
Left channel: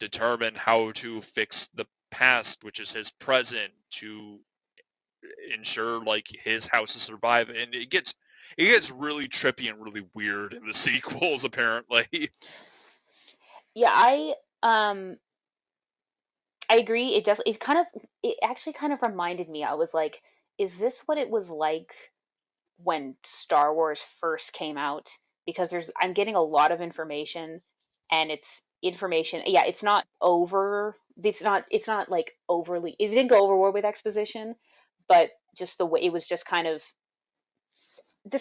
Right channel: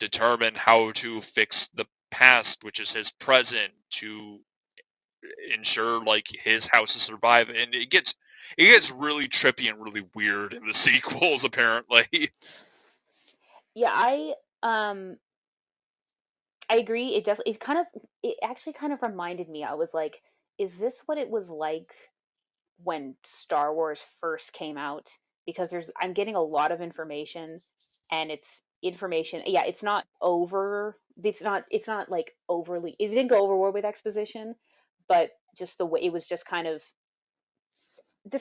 determine how to fix the past, which is his present, to ensure like his house to survive. And it gets really trippy and really weird in the sequels, apparently. Yeah, um I agree. It definitely, it actually kind of reminded me. I was like, is this what it was like when Star Wars first came out? Because I'm getting a lot of information, and it's information. Yeah, it's not like overly. It didn't go overboard with exposition, but just the way it was, just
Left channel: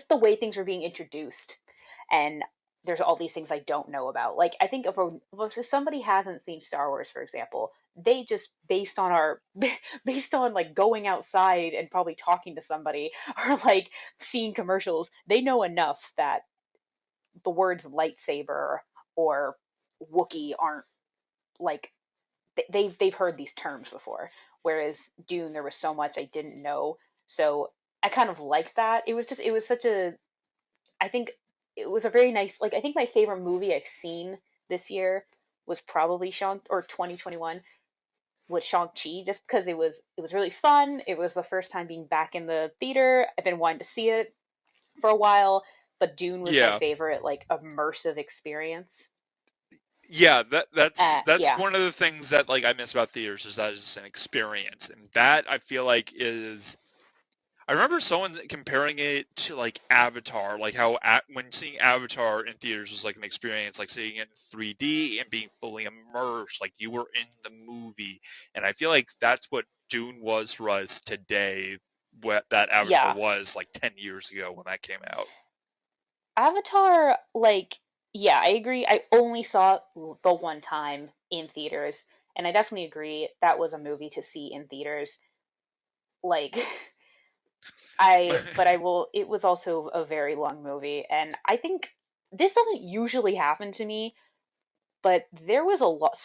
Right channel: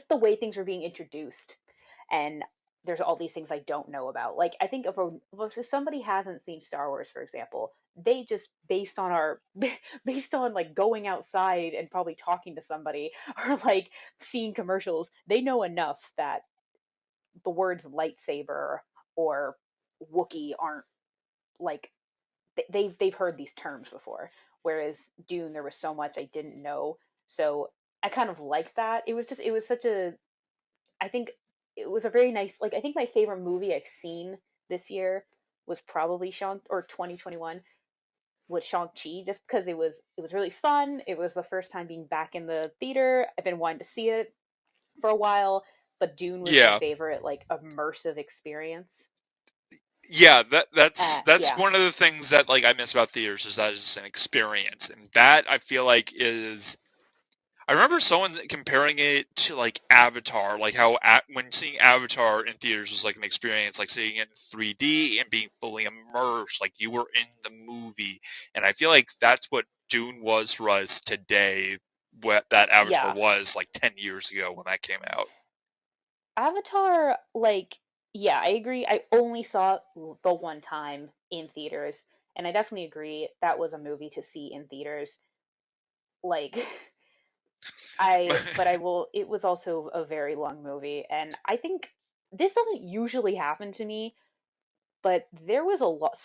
the way things were being introduced, and there's all these things I don't know about. Like I think if somebody hasn't seen Star Wars, for example, they just, based on our based on like going outside and probably talking to somebody, or like seeing commercials, they know enough that the words lightsaber or Wookiee aren't like, they've heard these terms before. Whereas Dune, there was so much I didn't know, so I kind of liked that. It was such a, I think it was a very nice, like, I think my favorite movie I've seen this year was probably Shang, or 2021, was Shang-Chi, just because it was really fun. It was the first time being back in the theater. I've been wanting to see it for a while, but Dune was my Yeah, favorite like immersive experience. yeah, that's Yeah. one of the things that like I miss about theaters, is that it's an experience, and that I feel like is, I remember someone comparing it to like Avatar, like how when seeing Avatar in theaters was like an experience, like seeing it in 3D and being fully immersed, like you were in the movie. And I feel like that's what Dune was for us today, what that Avatar Yeah. was like 10 years ago when that came out. Avatar, like, yeah, I agree. I only saw it the one time in theaters, and I definitely agree that was a movie to see in theaters. Like, but I will, it was also a very long movie, and I think this doesn't usually happen to me, but there was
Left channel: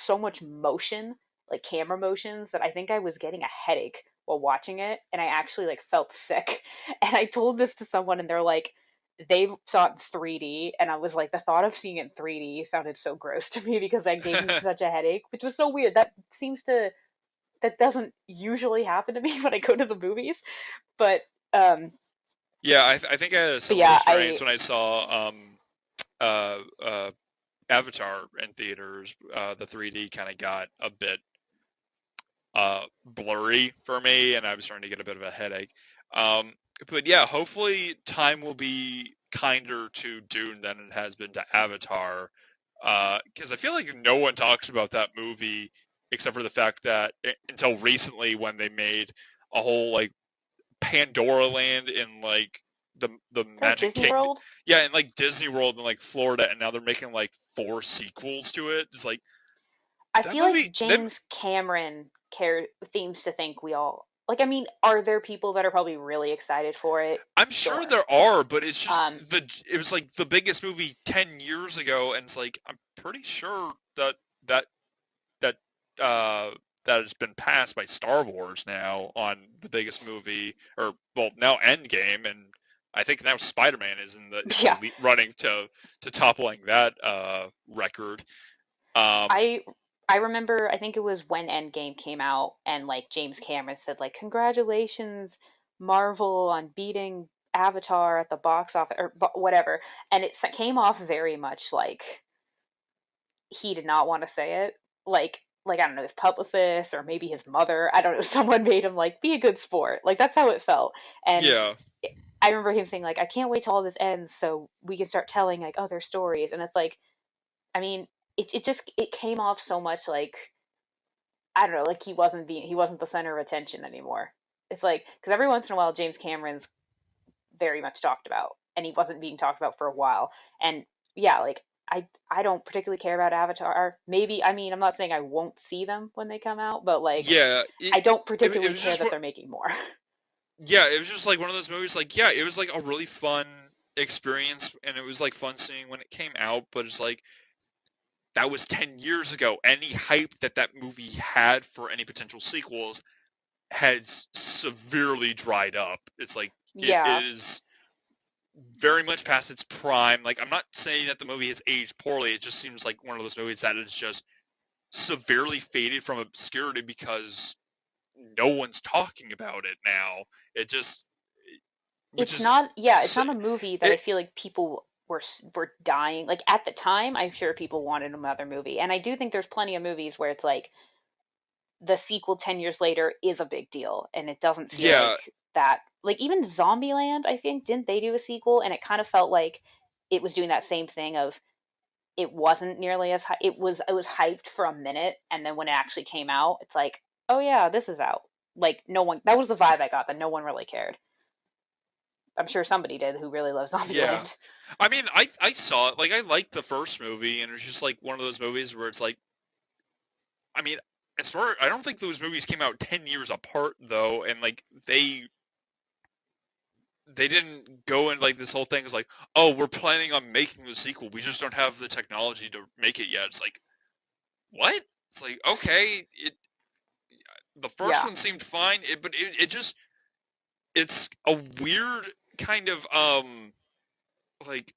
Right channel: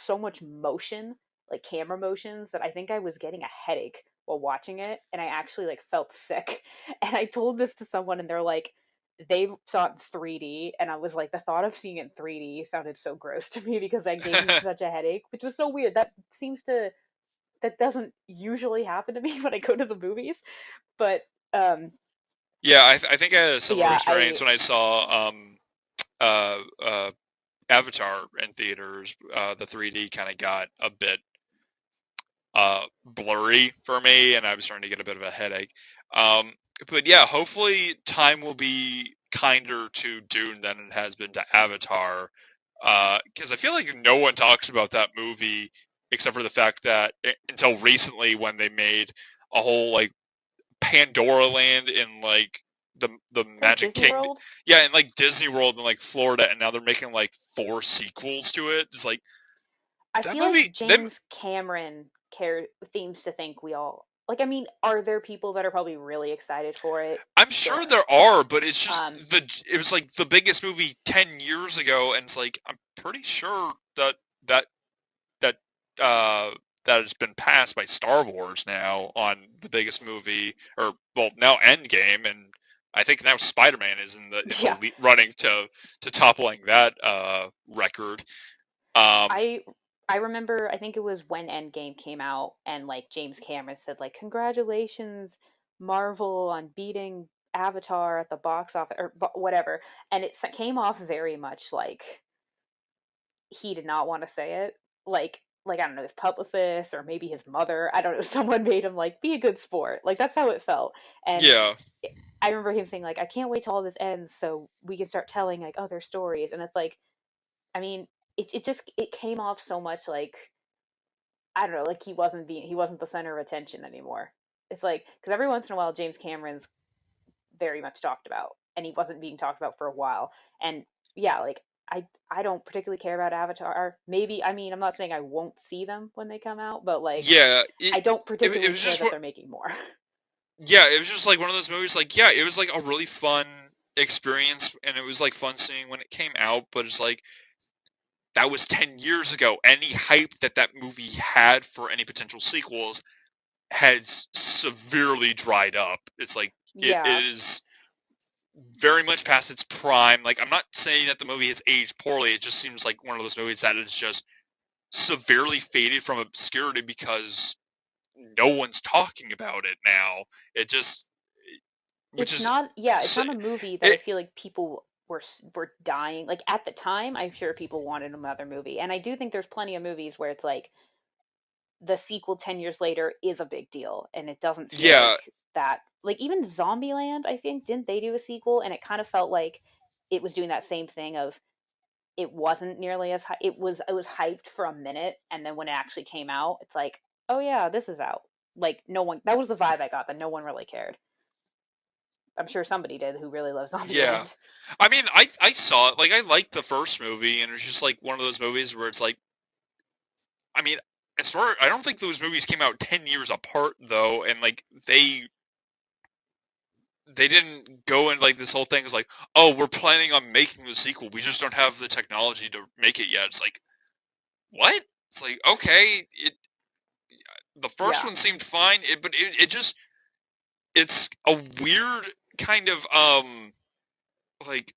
so much motion, like camera motions, that I think I was getting a headache while watching it, and I actually like felt sick. And I told this to someone, and they're like, they saw it in 3D, and I was like, the thought of seeing it in 3D sounded so gross to me because that gave me such a headache, which was so weird. That doesn't usually happen to me when I go to the movies, but um, Yeah, I think I had a but similar yeah, experience when I saw uh, uh, Avatar in theaters. The 3D kind of got a bit blurry for me, and I was starting to get a bit of a headache. Um, but yeah, hopefully time will be kinder to Dune than it has been to Avatar, because I feel like no one talks about that movie except for the fact that until recently when they made a whole like Pandora Land in like the like Magic Disney Kingdom, World. yeah, in like Disney World in like Florida, and now they're making like 4 sequels to it. It's like I that feel like movie. Them, James Cameron care seems to think we all like. I mean, are there people that are probably really excited for it? I'm sure Sure. there are, but it's just Um, it was like the biggest movie 10 years ago, and it's like I'm pretty sure that that uh that has been passed by Star Wars now on the biggest movie, or well now Endgame, and I think now Spider-Man is in yeah, the running to toppling that record. Um, I I remember. I think it was when Endgame came out, and like James Cameron said, like, congratulations, Marvel, on beating Avatar at the box office or whatever, and it came off very much like he did not want to say it. Like I don't know, his publicist or maybe his mother. I don't know. Someone made him like be a good sport. Like that's how it felt. And yeah, I remember him saying like, I can't wait till all this ends so we can start telling like other stories. And it's like, I mean, it came off so much like I don't know, like he wasn't the center of attention anymore. It's like because every once in a while James Cameron's very much talked about, and he wasn't being talked about for a while. And yeah, like I don't particularly care about Avatar. Maybe I mean I'm not saying I won't see them when they come out, but like yeah. I don't It particularly was care just that they're making more. yeah, it was just like one of those movies. Like, yeah, it was like a really fun experience, and it was like fun seeing when it came out. But it's like that was 10 years ago. Any hype that movie had for any potential sequels has severely dried up. It's like it Yeah, is very much past its prime. Like, I'm not saying that the movie has aged poorly. It just seems like one of those movies that is just severely faded from obscurity because no one's talking about it now. It just, which it's is not. Yeah, it's not a movie that I it. feel like people were dying. Like at the time, I'm sure people wanted another movie, and I do think there's plenty of movies where it's like the sequel 10 years later is a big deal and it doesn't feel Yeah, like that. Like even Zombieland, I think, didn't they do a sequel, and it kind of felt like it was doing that same thing of it wasn't nearly as high. It was hyped for a minute, and then when it actually came out it's like, oh yeah, this is out. Like no one, that was the vibe I got, that no one really cared. I'm sure somebody did who really loves yeah. Zombieland. I mean, I saw it. Like, I liked the first movie, and it's just like one of those movies where it's like, I mean, as far I don't think those movies came out 10 years apart though, and like they didn't go in like this whole thing is like, oh, we're planning on making the sequel. We just don't have the technology to make it yet. It's like, what? It's like, okay, the first Yeah, one seemed fine, but it just it's a weird kind of like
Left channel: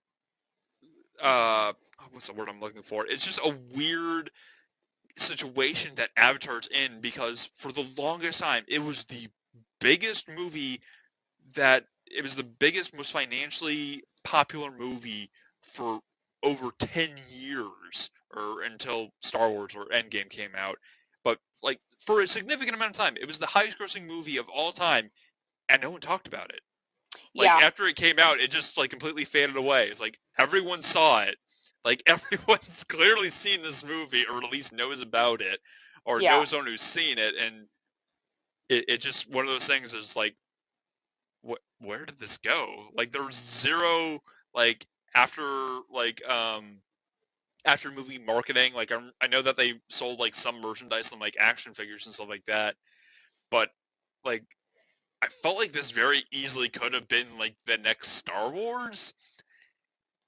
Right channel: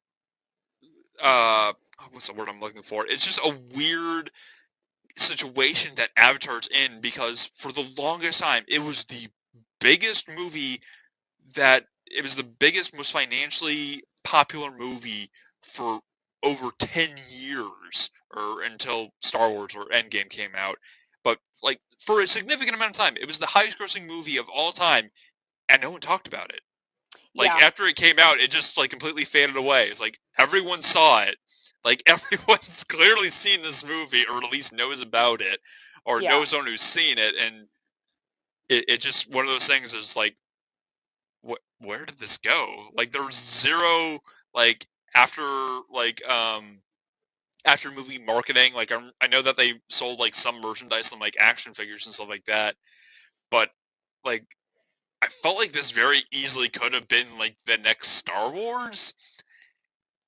what's the word I'm looking for? It's just a weird situation that Avatar's in because for the longest time it was the biggest movie that it was the biggest, most financially popular movie for over 10 years or until Star Wars or Endgame came out. But like for a significant amount of time, it was the highest grossing movie of all time and no one talked about it. Like yeah, after it came out, it just like completely faded away. It's like everyone saw it. Like everyone's clearly seen this movie or at least knows about it or yeah. knows someone who's seen it, and it just one of those things is like where did this go? Like there was zero like after like after movie marketing. Like I know that they sold like some merchandise and like action figures and stuff like that, but like I felt like this very easily could have been like the next Star Wars.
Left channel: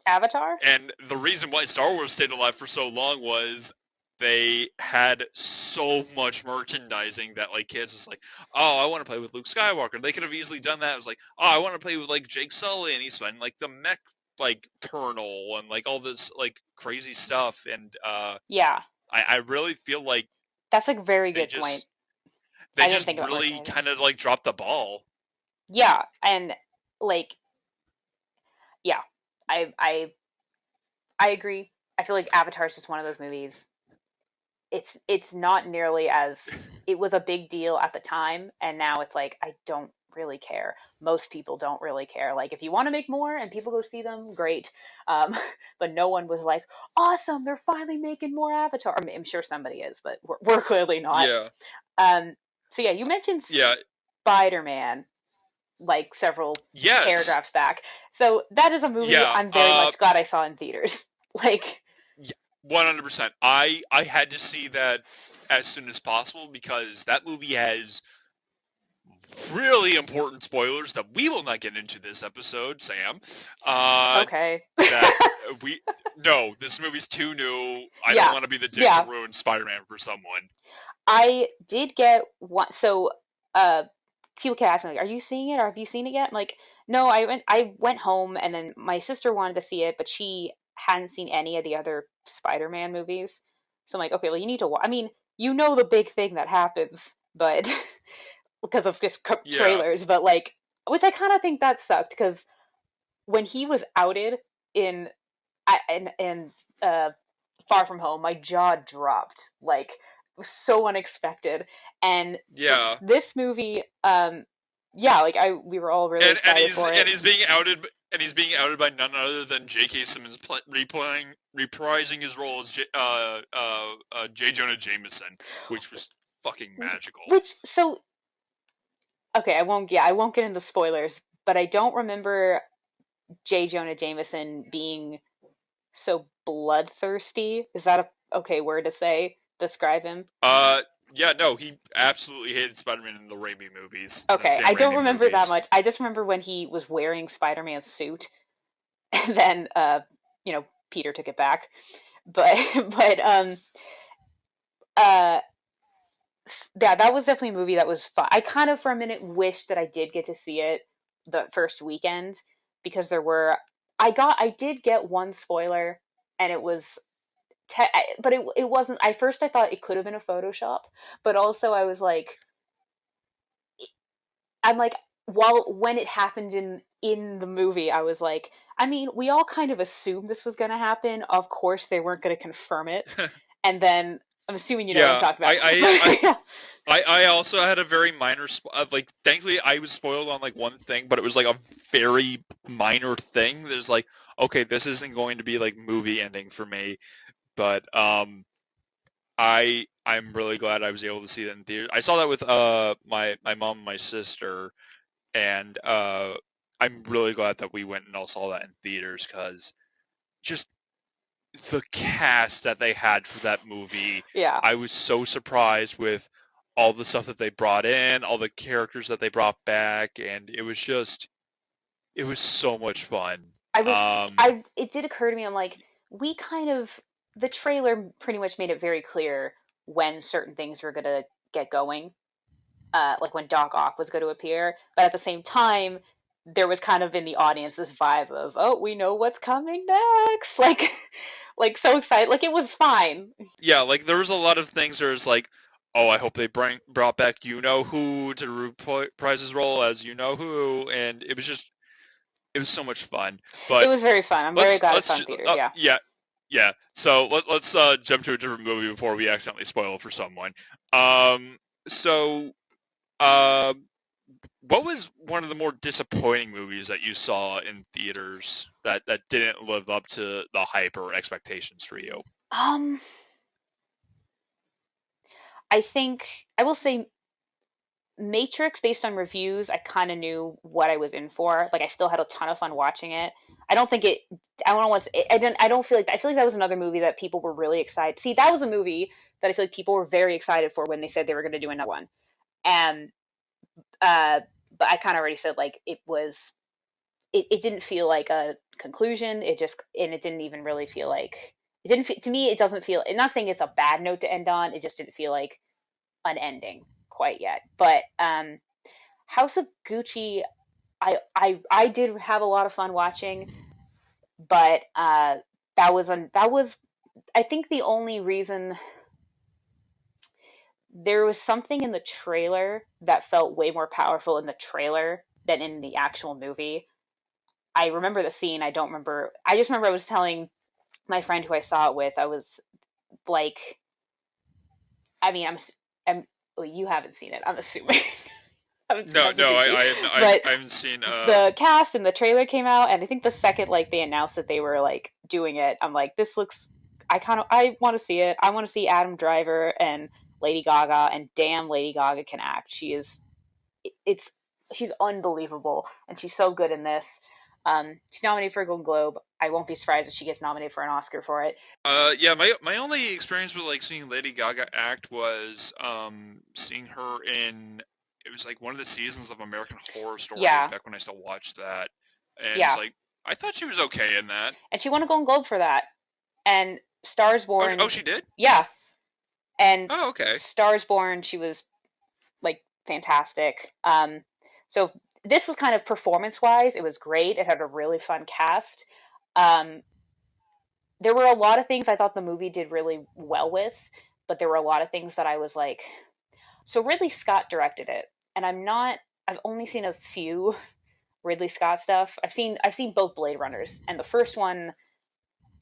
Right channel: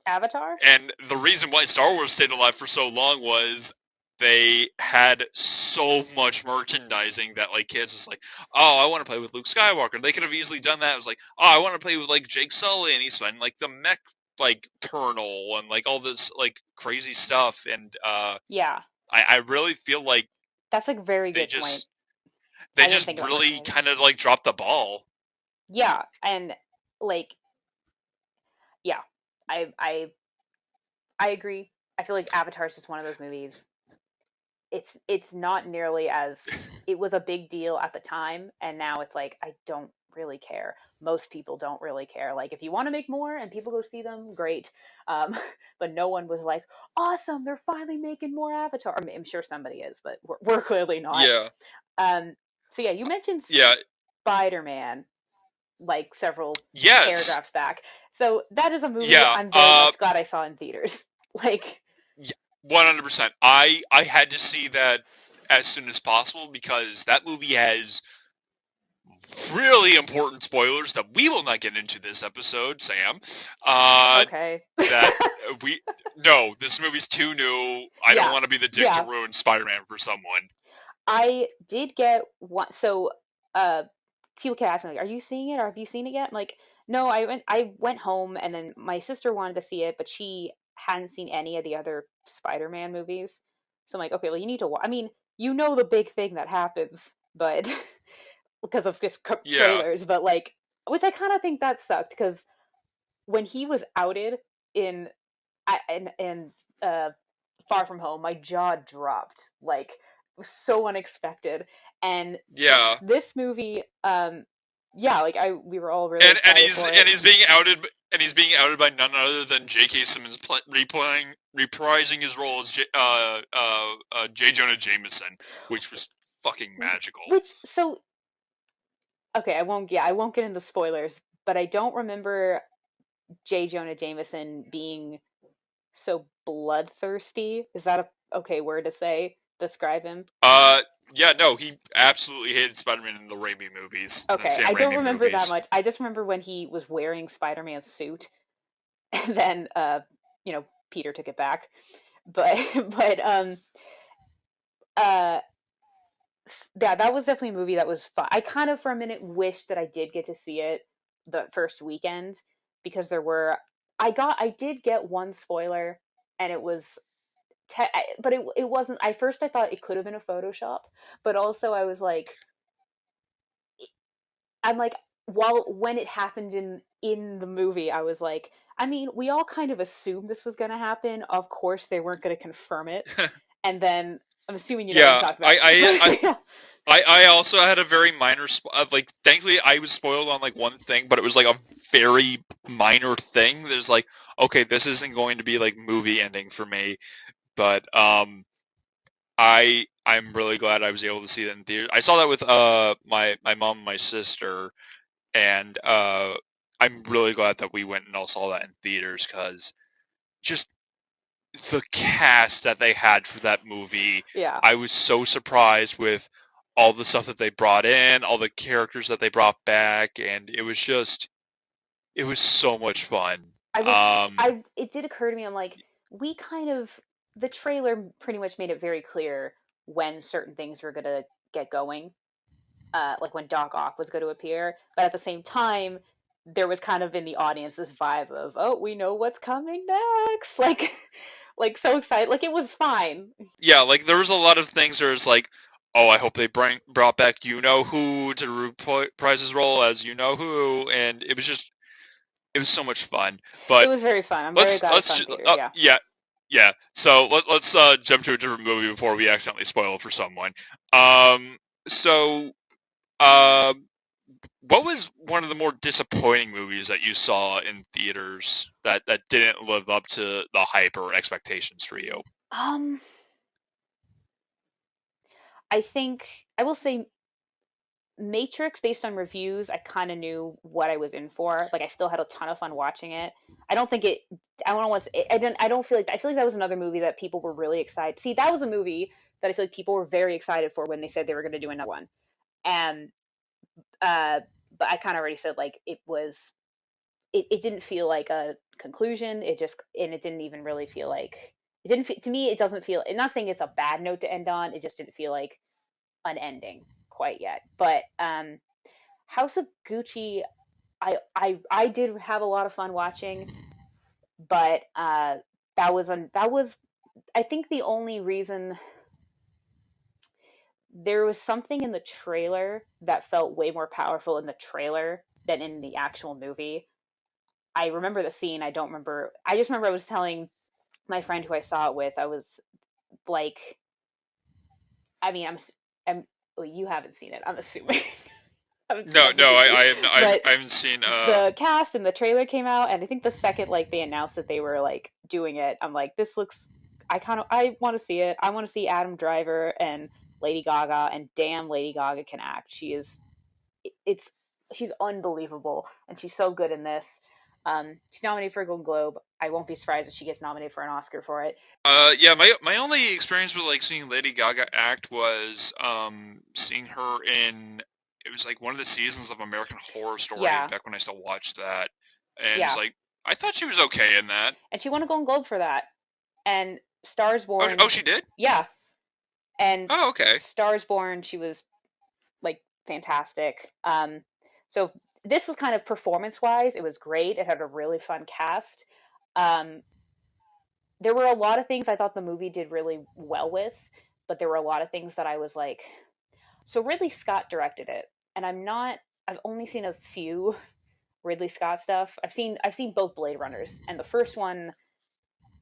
Avatar. And the reason why Star Wars stayed alive for so long was they had so much merchandising that like kids was like, oh, I want to play with Luke Skywalker. They could have easily done that. It was like, oh, I want to play with like Jake Sully, and he's finding like the mech like colonel and like all this like crazy stuff. And Yeah, I really feel like that's a very they good point. just they I didn't just think about really merchandising. kind of like dropped the ball. Yeah, and like, yeah, I I I agree. I feel like Avatar is just one of those movies. It's not nearly as, it was a big deal at the time, and now it's like I don't really care. Most people don't really care. Like if you want to make more and people go see them, great. Um, but no one was like, awesome, they're finally making more Avatar. I mean, I'm sure somebody is, but we're clearly not. Yeah, So yeah, you mentioned yeah, Spider-Man like several yes, paragraphs back. So that is a movie yeah. I'm very much glad I saw in theaters. Like, 100%. I had to see that as soon as possible because that movie has really important spoilers that we will not get into this episode, Sam. Uh, okay. that we no, this movie's too new. I don't Yeah. want to be the dick to Yeah. ruin Spider-Man for someone. I did get one. So, uh, people kept asking me, like, "Are you seeing it? Or have you seen it yet?" I'm like, "No, I went home, and then my sister wanted to see it, but she hadn't seen any of the other Spider-Man movies. So I'm like, okay, well, you need to watch. I mean, you know the big thing that happens, but because of just Yeah, trailers, but like, which I kind of think that sucked because when he was outed in in uh Far From Home, my jaw dropped. Like, it was so unexpected. And yeah. this movie, yeah, like we were all really And excited he's for it. and he's being outed and he's being outed by none other than J.K. Simmons reprising his role as J. Jonah Jameson, which was fucking magical. Which, so, okay, I won't get into spoilers, but I don't remember J. Jonah Jameson being so bloodthirsty. Is that a okay word to say? Describe him? Uh, yeah, no, he absolutely hated Spider-Man in the Raimi movies, in the Okay, Sam I don't Raimi remember that movies. much. I just remember when he was wearing Spider-Man's suit, and then Peter took it back. But uh yeah, that was definitely a movie that was fun. I kind of for a minute wish that I did get to see it the first weekend because I did get one spoiler, and it was but it wasn't. I first I thought it could have been a Photoshop, but also I'm like, while when it happened in the movie, I was like, I mean, we all kind of assumed this was going to happen. Of course, they weren't going to confirm it, and then I'm assuming you know what I'm Yeah, talking about. But yeah, I also had a very minor like thankfully I was spoiled on like one thing, but it was like a very minor thing. There's like, okay, this isn't going to be like movie ending for me, but I'm really glad I was able to see that in theaters. I saw that with my mom and my sister, and I'm really glad that we went and all saw that in theaters because just the cast that they had for that movie, yeah. I was so surprised with all the stuff that they brought in, all the characters that they brought back, and it was so much fun. I was Um, I It did occur to me. I'm like, we kind of the trailer pretty much made it very clear when certain things were gonna get going, like when Doc Ock was going to appear. But at the same time, there was kind of in the audience this vibe of, oh, we know what's coming next. Like so excited. Like it was fine. yeah, like there was a lot of things where it's like, oh, I hope they brought back you know who to reprise his role as you know who, and it was so much fun. It But was very fun. I'm very glad I saw in theaters. Yeah. yeah, yeah. So let's jump to a different movie before we accidentally spoil it for someone. Um, so um, what was one of the more disappointing movies that you saw in theaters that didn't live up to the hype or expectations for you? Um, I think I will say Matrix, based on reviews, I kind of knew what I was in for. Like I still had a ton of fun watching it. I don't think it. I don't know what's. I didn't. I don't feel like. I feel like that was another movie that people were really excited. See, that was a movie that I feel like people were very excited for when they said they were going to do another one. And uh, but I kind of already said like it was. It didn't feel like a conclusion. It just and it didn't even really feel like it didn't to me. It doesn't feel. I'm not saying it's a bad note to end on. It just didn't feel like an ending quite yet. But House of Gucci, I did have a lot of fun watching, but that was I think the only reason. There was something in the trailer that felt way more powerful in the trailer than in the actual movie. I remember the scene. I don't remember. I just remember I was telling my friend who I saw it with. I was like, I mean, I'm well, you haven't seen it. I'm assuming. I haven't seen No, House of no, Gucci, but I haven't seen. the cast and the trailer came out, and I think the second like they announced that they were like doing it, I'm like, this looks. I want to see it. I want to see Adam Driver and Lady Gaga, and damn, Lady Gaga can act. She is. It's she's unbelievable, and she's so good in this. She's nominated for a Golden Globe. I won't be surprised if she gets nominated for an Oscar for it. Yeah, my only experience with like seeing Lady Gaga act was seeing her in, it was like one of the seasons of American Horror Story Yeah, back when I still watched that, and it's yeah, like I thought she was okay in that. and she won a Golden Globe for that. And Stars Oh, Born, she did. yeah, and Oh, okay. Stars Born, she was like fantastic. So this was kind of performance wise, it was great. It had a really fun cast. Um, there were a lot of things I thought the movie did really well with, but there were a lot of things that I was like, so Ridley Scott directed it, and I've only seen a few Ridley Scott stuff. I've seen both Blade Runners, and the first one,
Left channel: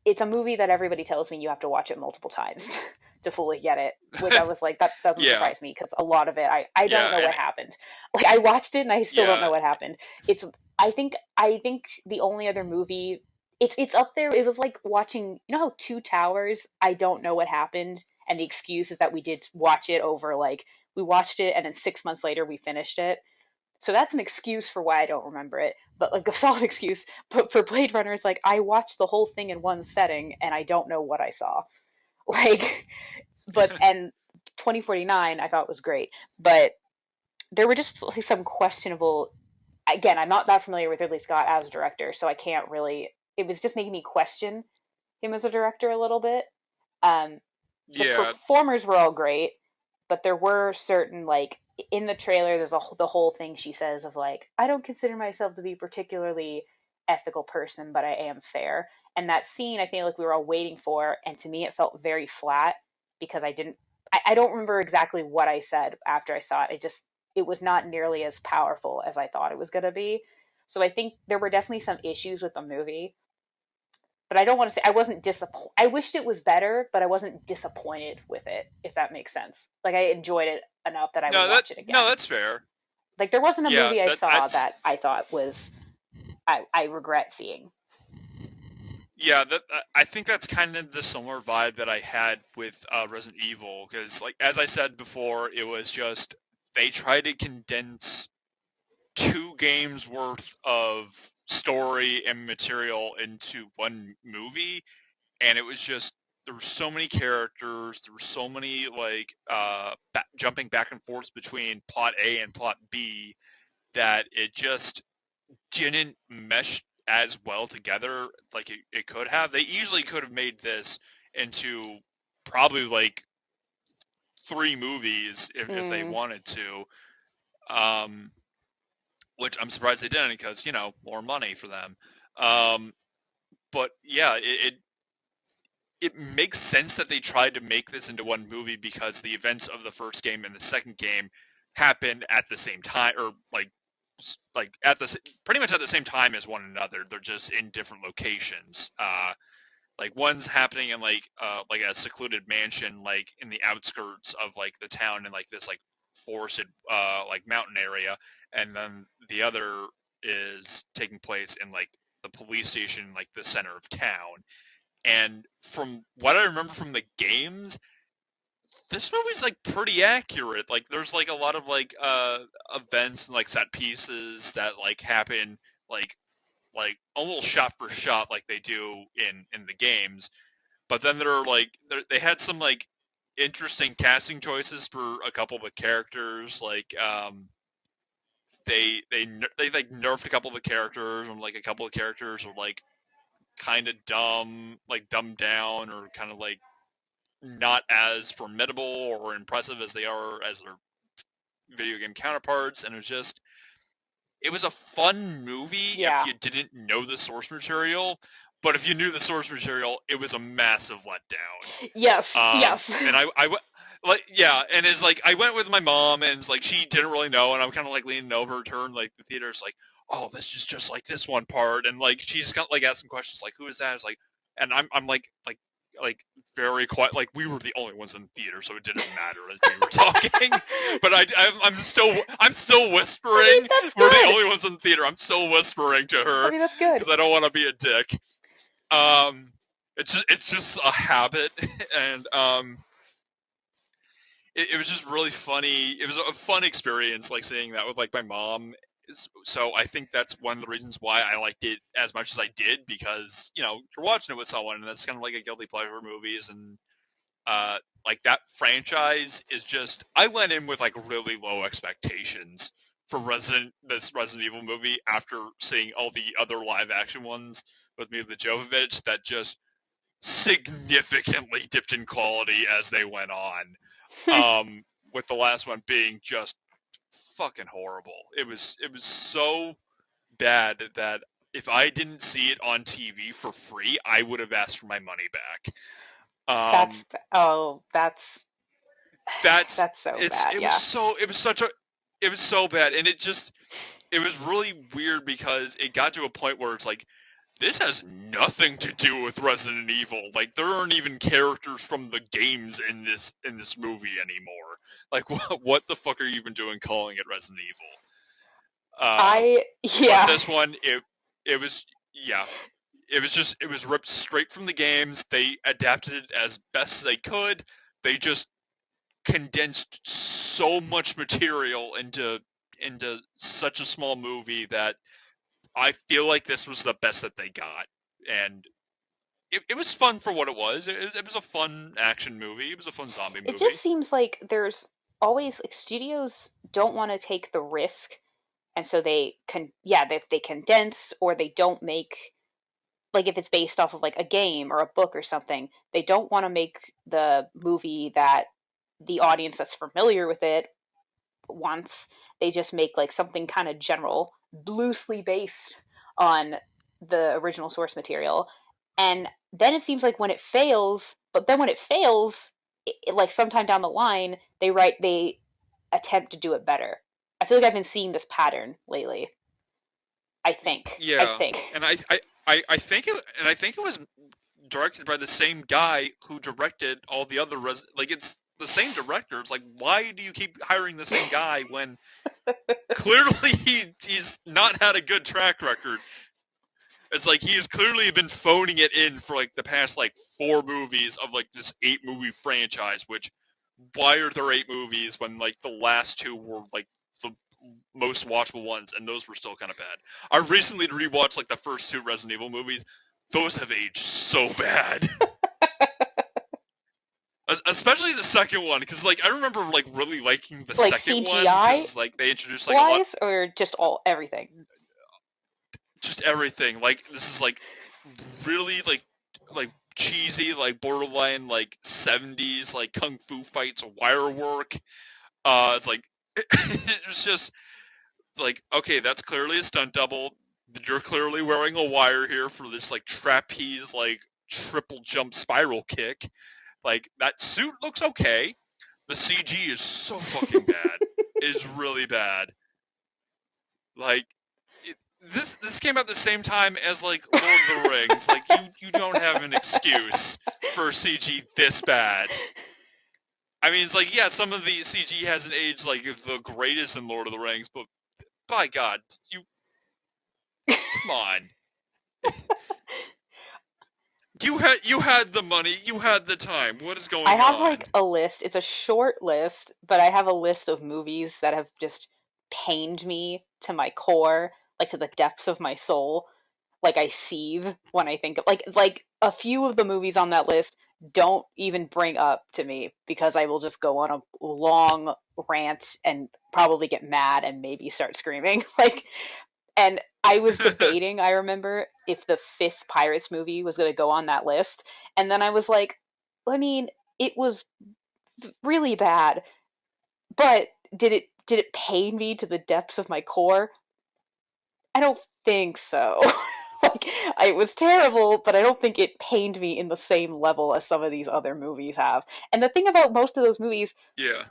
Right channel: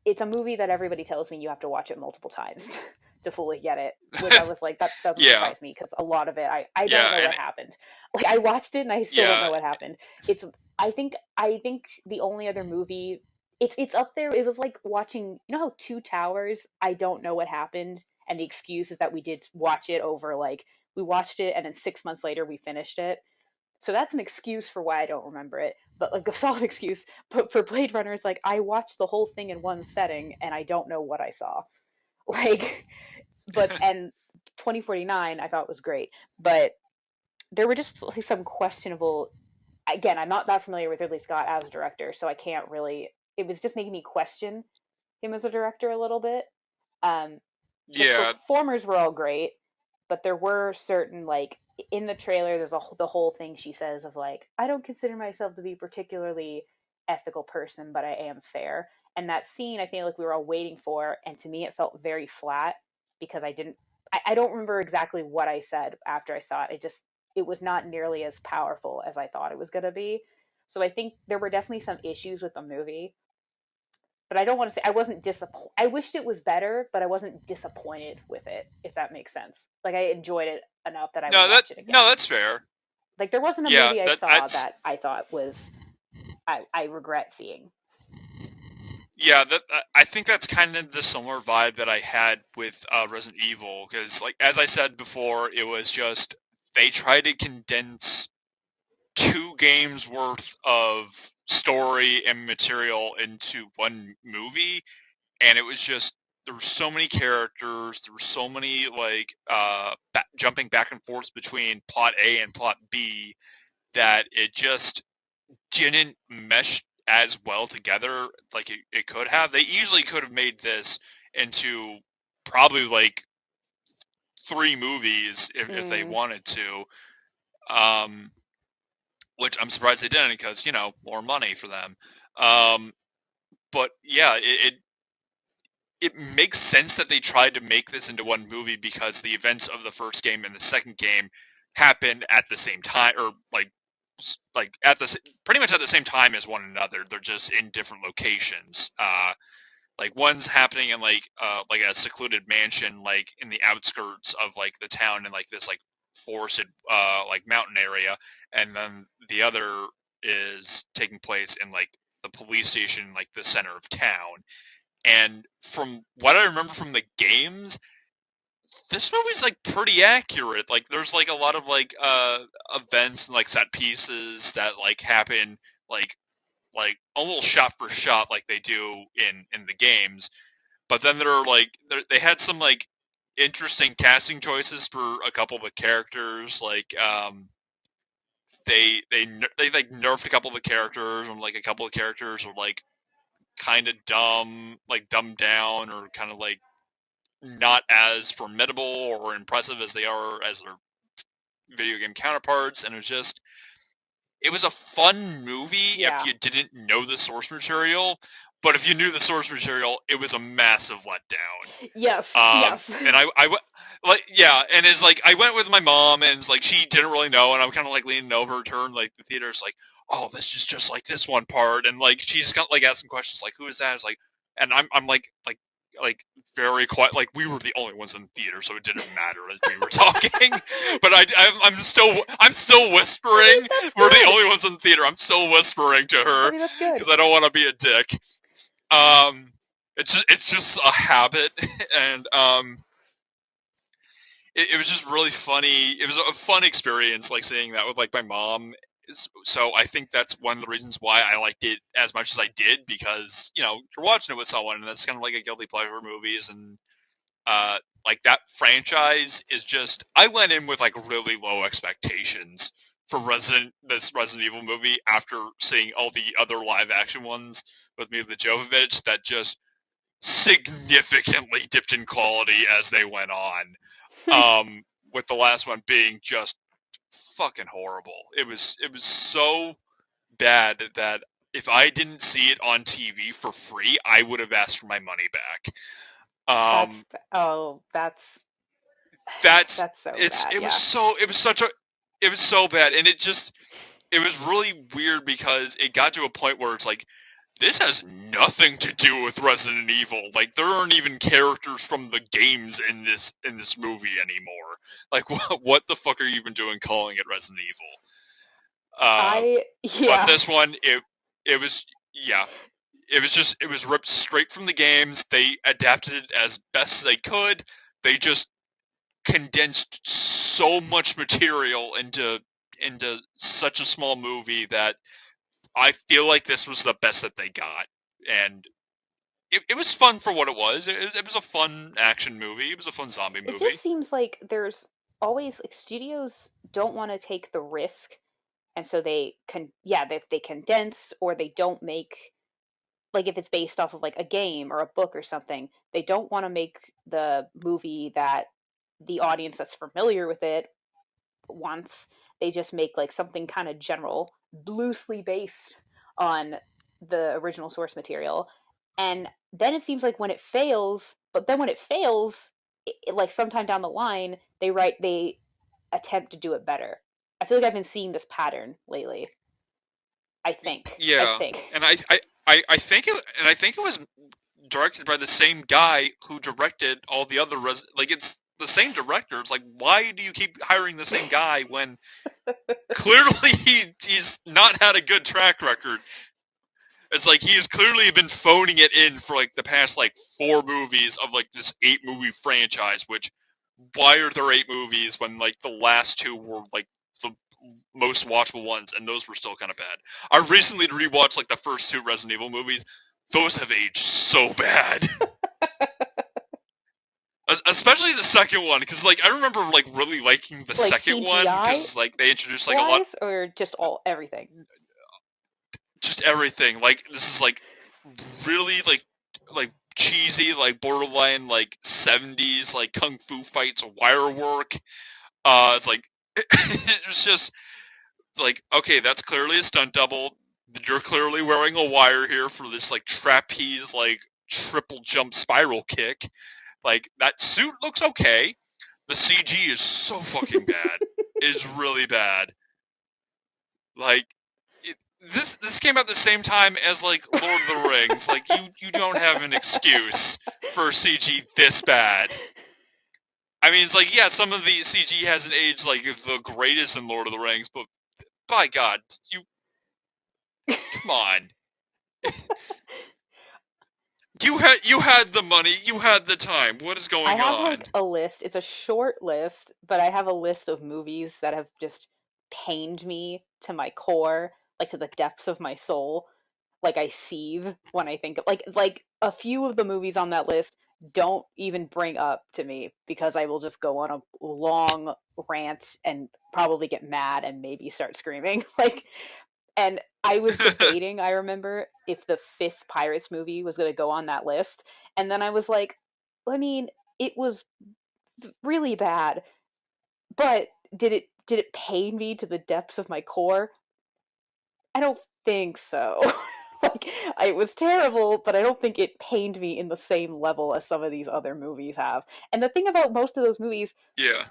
it's a movie that everybody tells me you have to watch it multiple times to fully get it, which I was like, that doesn't Yeah, surprise me because a lot of it, I don't yeah, know what and happened. Like I watched it and I still don't yeah, know what happened. It's I think the only other movie, it's up there. It was like watching, you know how Two Towers, I don't know what happened, and the excuse is that we did watch it over like we watched it and then 6 months later we finished it. So that's an excuse for why I don't remember it, but like a solid excuse. But for Blade Runner, it's like I watched the whole thing in one setting and I don't know what I saw. Like, but and 2049 I thought was great, but there were just like some questionable. Again, I'm not that familiar with Ridley Scott as a director, so I can't really. It was just making me question him as a director a little bit. Um, the yeah. performers were all great, but there were certain like in the trailer there's the whole thing she says of like I don't consider myself to be particularly ethical person, but I am fair. And that scene I feel like we were all waiting for, and to me it felt very flat because I don't remember exactly what I said after I saw it. It was not nearly as powerful as I thought it was going to be. So I think there were definitely some issues with the movie, but I don't want to say I wasn't disappointed. I wished it was better, but I wasn't disappointed with it, if that makes sense. Like I enjoyed it enough that I would watch it No, again. that's fair. Like there wasn't a Yeah, movie I that saw that's that I thought was I regret seeing. yeah, that I think that's kind of the similar vibe that I had with Resident Evil, because like as I said before, it was just they tried to condense 2 games worth of story and material into one movie, and it was just there were so many characters, there were so many like jumping back and forth between plot A and plot B that it just didn't mesh as well together like it could have. They easily could have made this into probably like 3 movies if they Mm, wanted to. Um, which I'm surprised they didn't because more money for them. Um, but yeah, it makes sense that they tried to make this into one movie because the events of the first game and the second game happened at the same time, or like at the pretty much at the same time as one another. They're just in different locations. Like one's happening in like a secluded mansion, like in the outskirts of like the town in like this like forested like mountain area, and then the other is taking place in like the police station, like the center of town. And from what I remember from the games, this movie's like pretty accurate. Like there's like a lot of like events and like set pieces that like happen like almost shot for shot like they do in the games. But then there are like they had some like interesting casting choices for a couple of the characters. Like they like nerfed a couple of the characters, and like a couple of characters were like kind of dumb, like dumbed down, or kind of like not as formidable or impressive as they are as their video game counterparts. And it was a fun movie if Yeah. you didn't know the source material. But if you knew the source material, it was a massive letdown. Yes. Yes. And I like, yeah, and it's like I went with my mom, and it's like she didn't really know, and I'm kind of like leaning over to her, and like the theater's like, oh, this is just like this one part, and like she's kind of like asking questions like, who is that? It's like, and I'm like very quiet, like we were the only ones in the theater, so it didn't matter as we were talking. But I'm still whispering. We're the only ones in the theater. I'm still whispering to her That's good. because I don't want to be a dick. Um, it's just a habit, and it was just really funny. It was a fun experience, like seeing that with like my mom. So I think that's one of the reasons why I liked it as much as I did, because you're watching it with someone, and that's kind of like a guilty pleasure movies, and like that franchise is just. I went in with like really low expectations for this Resident Evil movie after seeing all the other live action ones with Mila Jovovich that just significantly dipped in quality as they went on. With the last one being just fucking horrible. It was so bad that if I didn't see it on TV for free, I would have asked for my money back. That's Um, that's that's that's so bad. Yeah. it was so bad, and it was really weird because it got to a point where it's like, this has nothing to do with Resident Evil. Like, there aren't even characters from the games in this movie anymore. Like, what the fuck are you even doing calling it Resident Evil? But Yeah. this one, it was, yeah, it was ripped straight from the games. They adapted it as best they could. They just condensed so much material into such a small movie that I feel like this was the best that they got, and it was fun for what it was. It was a fun action movie. It was a fun zombie It movie. just seems like there's always like studios don't want to take the risk, and so they condense, or they don't make, like, if it's based off of like a game or a book or something, they don't want to make the movie that the audience that's familiar with it wants. They just make like something kind of general, loosely based on the original source material. And then it seems like when it fails, but then when it fails, like sometime down the line, they attempt to do it better. I feel like I've been seeing this pattern lately. I think. I Yeah, think. and I think it was directed by the same guy who directed all the other like it's the same director. It's like, why do you keep hiring the same guy when clearly he's not had a good track record? It's like he has clearly been phoning it in for like the past like 4 movies of like this 8-movie franchise. Which, why are there 8 movies when like the last 2 were like the most watchable ones, and those were still kind of bad. I recently rewatched like the first 2 Resident Evil movies. Those have aged so bad. Especially the second one, because like I remember like really liking the Like second one CGI because like they introduced like a lot, wise, or just all everything. just everything. Like this is like really like cheesy, like borderline like 70s like kung fu fights, wire work. It's like it's just like, okay, that's clearly a stunt double. You're clearly wearing a wire here for this like trapeze like triple jump spiral kick. Like that suit looks okay. The CG is so fucking bad. It is really bad. Like this came out the same time as like Lord of the Rings. Like you don't have an excuse for CG this bad. I mean, it's like, yeah, some of the CG hasn't aged like the greatest in Lord of the Rings, but by God, you come on. You had the money, you had the time. What is I going have on? like a list. It's a short list, but I have a list of movies that have just pained me to my core, like to the depths of my soul. Like I seethe when I think of like a few of the movies on that list don't even bring up to me, because I will just go on a long rant and probably get mad and maybe start screaming. Like And I was debating, I remember, if the fifth Pirates movie was going to go on that list. And then I was like, I mean, it was really bad, but did it pain me to the depths of my core? I don't think so. Like, it was terrible, but I don't think it pained me in the same level as some of these other movies have. And the thing about most of those movies, Yeah.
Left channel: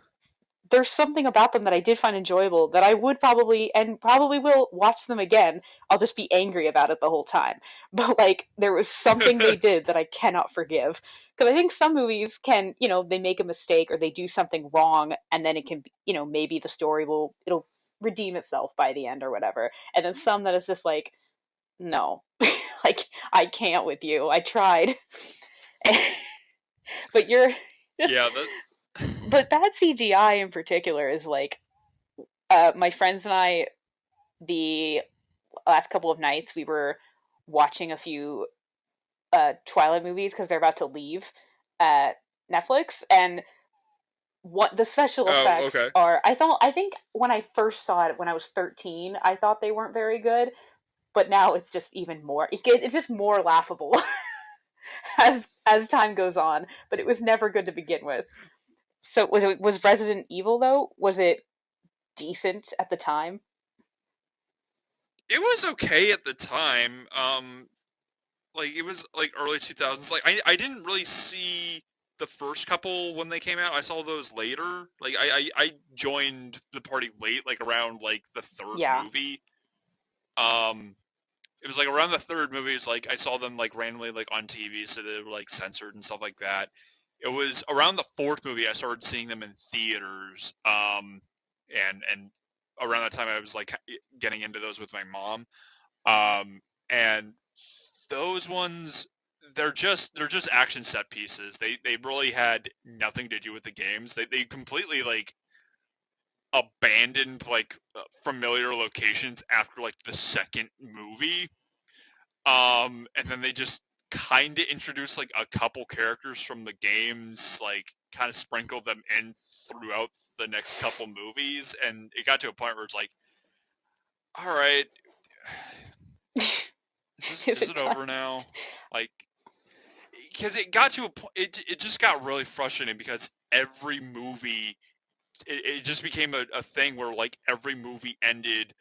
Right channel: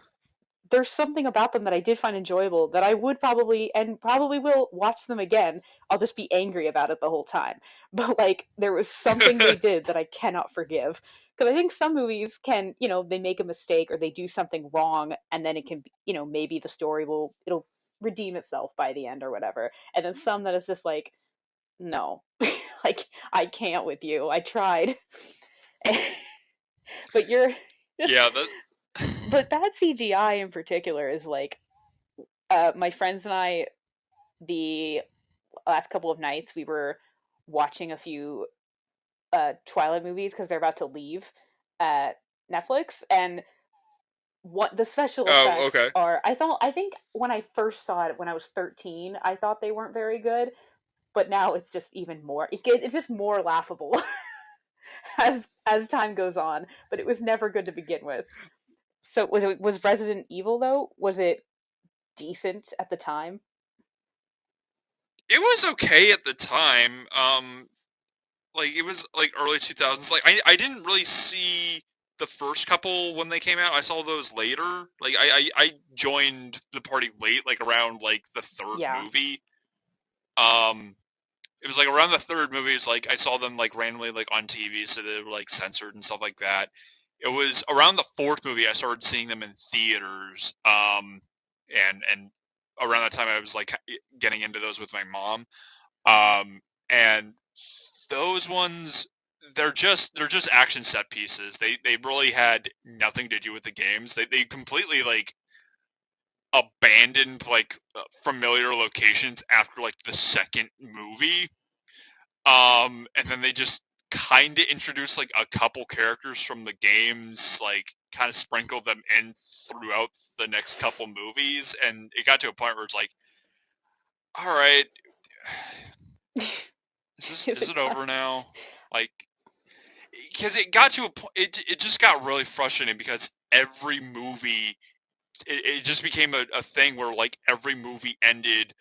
there's something about them that I did find enjoyable that I would probably and probably will watch them again. I'll just be angry about it the whole time. But like there was something they did that I cannot forgive. Because I think some movies can, they make a mistake or they do something wrong and then it can, maybe the story it'll redeem itself by the end or whatever. And then some that is just like, no, like I can't with you. I tried. But you're just, Yeah, that but that CGI in particular is like, my friends and I, the last couple of nights, we were watching a few Twilight movies because they're about to leave at Netflix, and what the special Oh, effects okay. are. I think when I first saw it when I was 13, I thought they weren't very good, but now it's just even more. It's just more laughable as time goes on. But it was never good to begin with. So was Resident Evil though? Was it decent at the time? It was okay at the time. Like it was like early 2000s. Like I didn't really see the first couple when they came out. I saw those later. Like I joined the party late, like around like the third Yeah. movie. Um, it was like around the third movie. It's like I saw them like randomly like on TV, so they were like censored and stuff like that. It was around the fourth movie I started seeing them in theaters. And around that time I was like getting into those with my mom. And those ones, they're just action set pieces. They really had nothing to do with the games. They completely like abandoned like familiar locations after like the second movie. And then they just kind of introduced like a couple characters from the games, like kind of sprinkled them in throughout the next couple movies, and it got to a point where it's like, all right, Is is it it time? over now? Like, because it got to a point, it just got really frustrating because every movie, it just became a thing where like every movie ended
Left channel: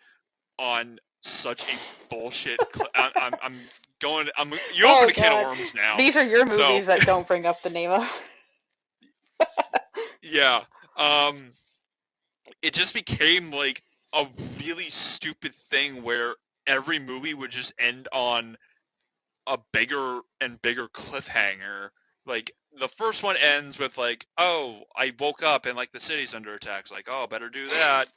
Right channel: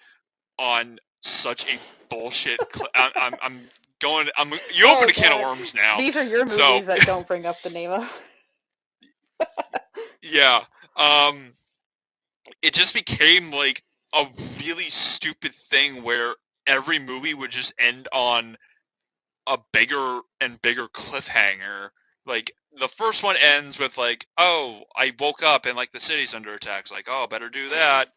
on such a bullshit. I'm going. You Oh opened a can of god. worms now. These are your So movies that don't bring up the name of. yeah, um, it just became like a really stupid thing where every movie would just end on a bigger and bigger cliffhanger. Like the first one ends with like, "Oh, I woke up and like the city's under attack." It's like, "Oh, better do that."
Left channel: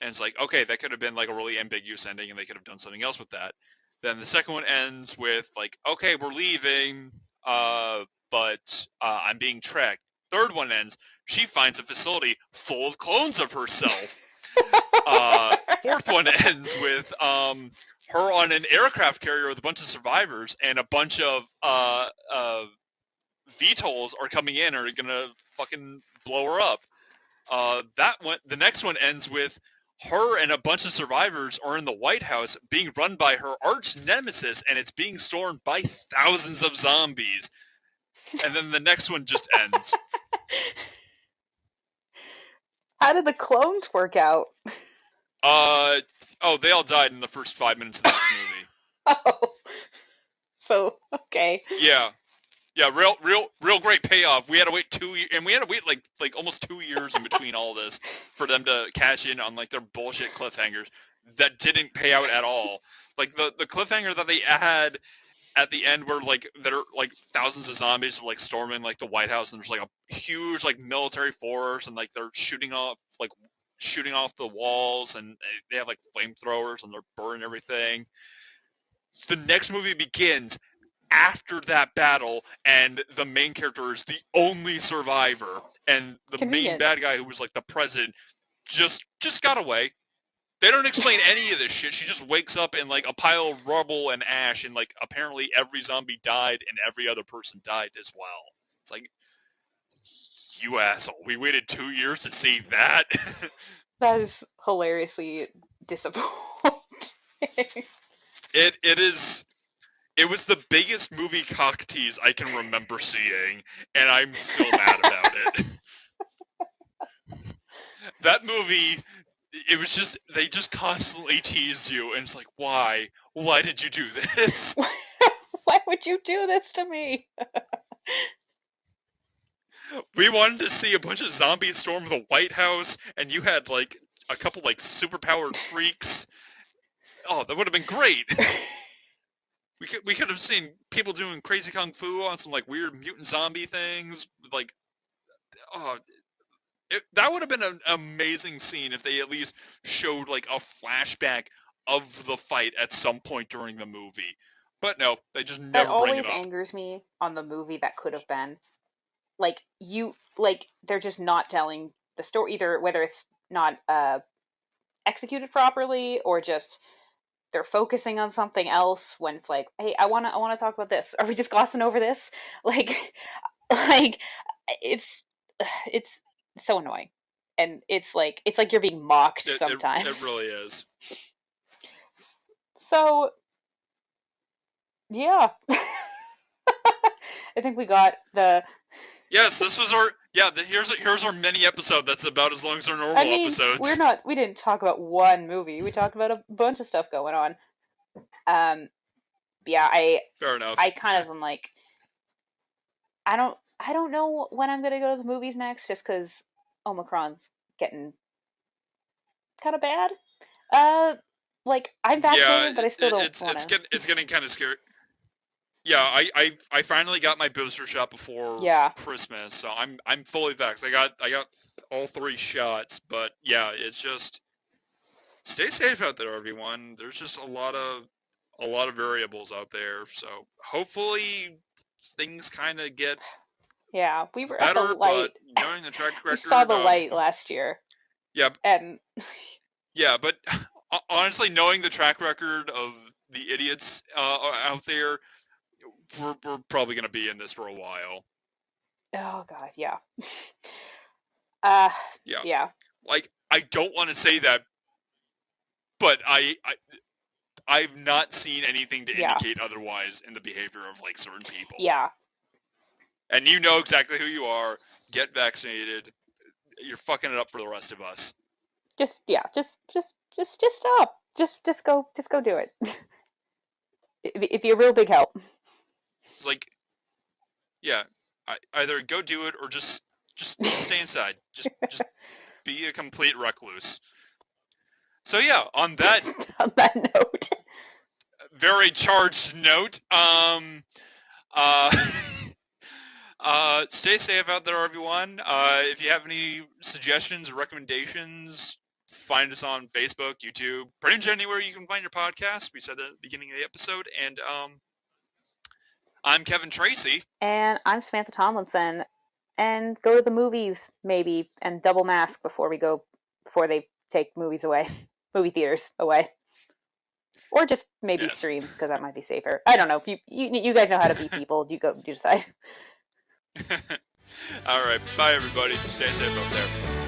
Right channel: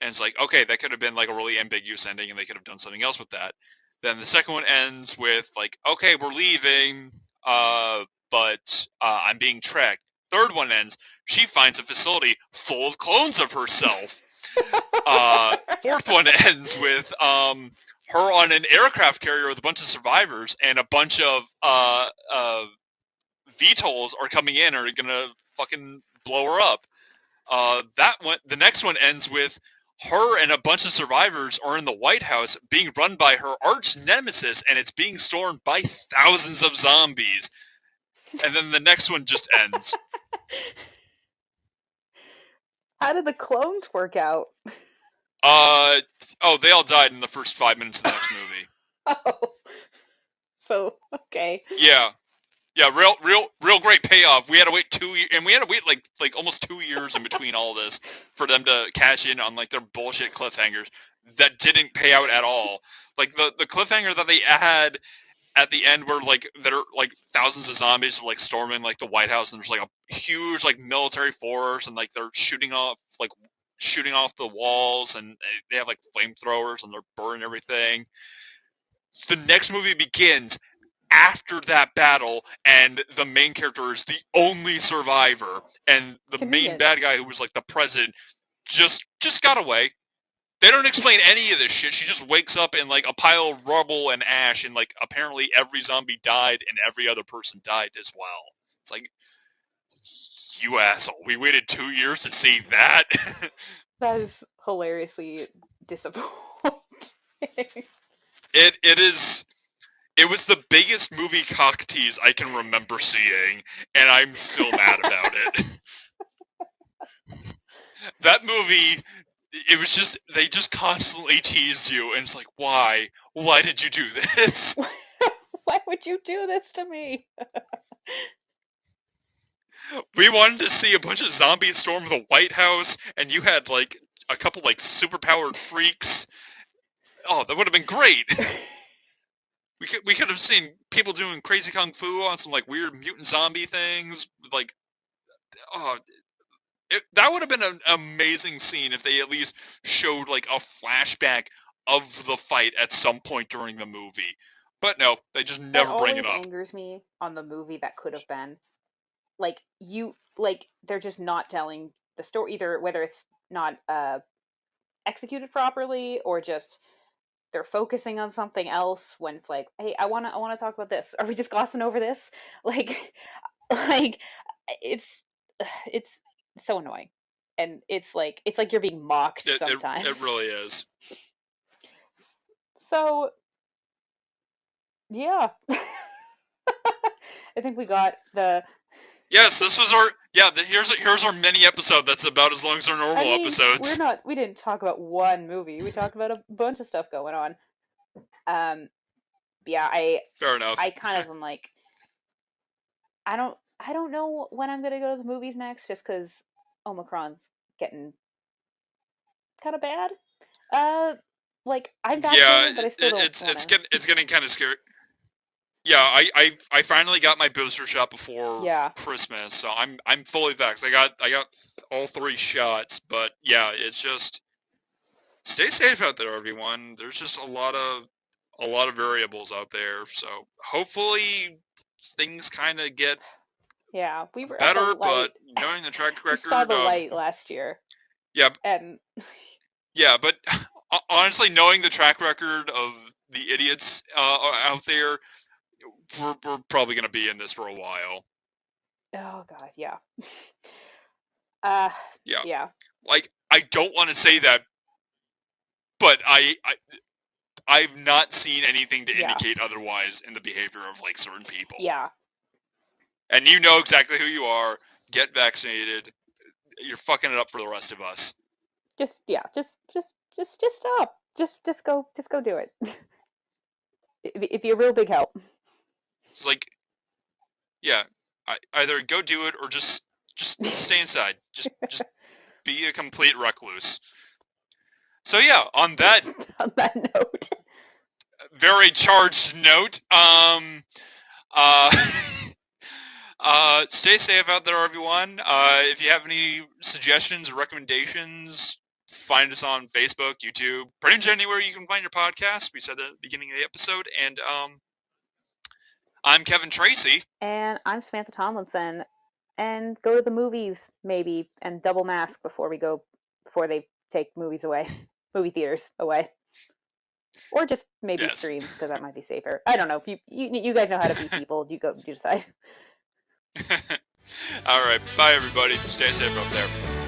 And it's like, okay, that could have been like a really ambiguous ending, and they could have done something else with that. Then the second one ends with like, "Okay, we're leaving, but I'm being tracked." Third one ends. She finds a facility full of clones of herself. Fourth one ends with her on an aircraft carrier with a bunch of survivors, and a bunch of VTOLs are coming in, are gonna fucking blow her up. That one, the next one ends with her and a bunch of survivors are in the White House being run by her arch nemesis, and it's being stormed by thousands of zombies. And then the next one just ends. How did the clones work out? Uh oh, they all died in the first 5 minutes of the next movie. Oh, so okay. Yeah, yeah, real great payoff. We had to wait 2 years, and we had to wait like almost 2 years in between all this for them to cash in on like their bullshit cliffhangers that didn't pay out at all. Like the cliffhanger that they had at the end, where like there are like thousands of zombies like storming like the White House, and there's like a huge like military force, and like they're shooting off the walls, and they have like flamethrowers, and they're burning everything. The next movie begins after that battle, and the main character is the only survivor, and the main Convenient. bad guy, who was like the president, just got away. They don't explain any of this shit. She just wakes up in like a pile of rubble and ash, and like apparently every zombie died and every other person died as well. It's like, you asshole, we waited 2 years to see that. That is hilariously disappointing. It was the biggest movie cock tease I can remember seeing, and I'm still mad about it. That movie, it was just, they just constantly teased you, and it's like, why? Why did you do this? Why would you do this to me? We wanted to see a bunch of zombies storm the White House, and you had, like, a couple, like, superpowered freaks. Oh, that would have been great. We could have seen people doing crazy kung fu on some, like, weird mutant zombie things. Like, oh, that would have been an amazing scene if they at least showed, like, a flashback of the fight at some point during the movie. But no, they just That never bring always it up. angers me on the movie that could have been. Like, they're just not telling the story, either whether it's not executed properly or just they're focusing on something else when it's like, hey, I wanna talk about this. Are we just glossing over this? Like, like it's so annoying, and it's like you're being mocked sometimes. It really is. So yeah, I think we got the. Yes, this was our here's our mini episode that's about as long as our normal episodes. We didn't talk about one movie. We talked about a bunch of stuff going on. Yeah, Fair enough. I kind of am like, I don't know when I'm gonna go to the movies next, just because Omicron's getting kind of bad. Like, I'm vaccinated, but I still don't want to. It's getting kind of scary. Yeah, I finally got my booster shot before Christmas, so I'm fully vaxxed. I got all 3 shots, but yeah, it's just stay safe out there, everyone. There's just a lot of variables out there, so hopefully things kind of get we were better. at the light. But knowing the track record, we saw the light last year. Yeah, and yeah, but honestly, knowing the track record of the idiots out there, we're probably going to be in this for a while. Oh god, yeah. Yeah. Like, I don't want to say that, but I've not seen anything to indicate otherwise in the behavior of, like, certain people. Yeah. And you know exactly who you are. Get vaccinated. You're fucking it up for the rest of us. Just stop. Just go do it. It'd be a real big help. It's like, yeah, either go do it or just stay inside. Just be a complete recluse. So yeah, on that note, very charged note, stay safe out there, everyone. If you have any suggestions or recommendations, find us on Facebook, YouTube, pretty much anywhere you can find your podcast. We said that at the beginning of the episode, and I'm Kevin Tracy. And I'm Samantha Tomlinson. And go to the movies, maybe, and double mask before they take movie theaters away. Or just maybe stream, because that might be safer. I don't know. You guys know how to be people. You decide. All right. Bye, everybody. Stay safe out there.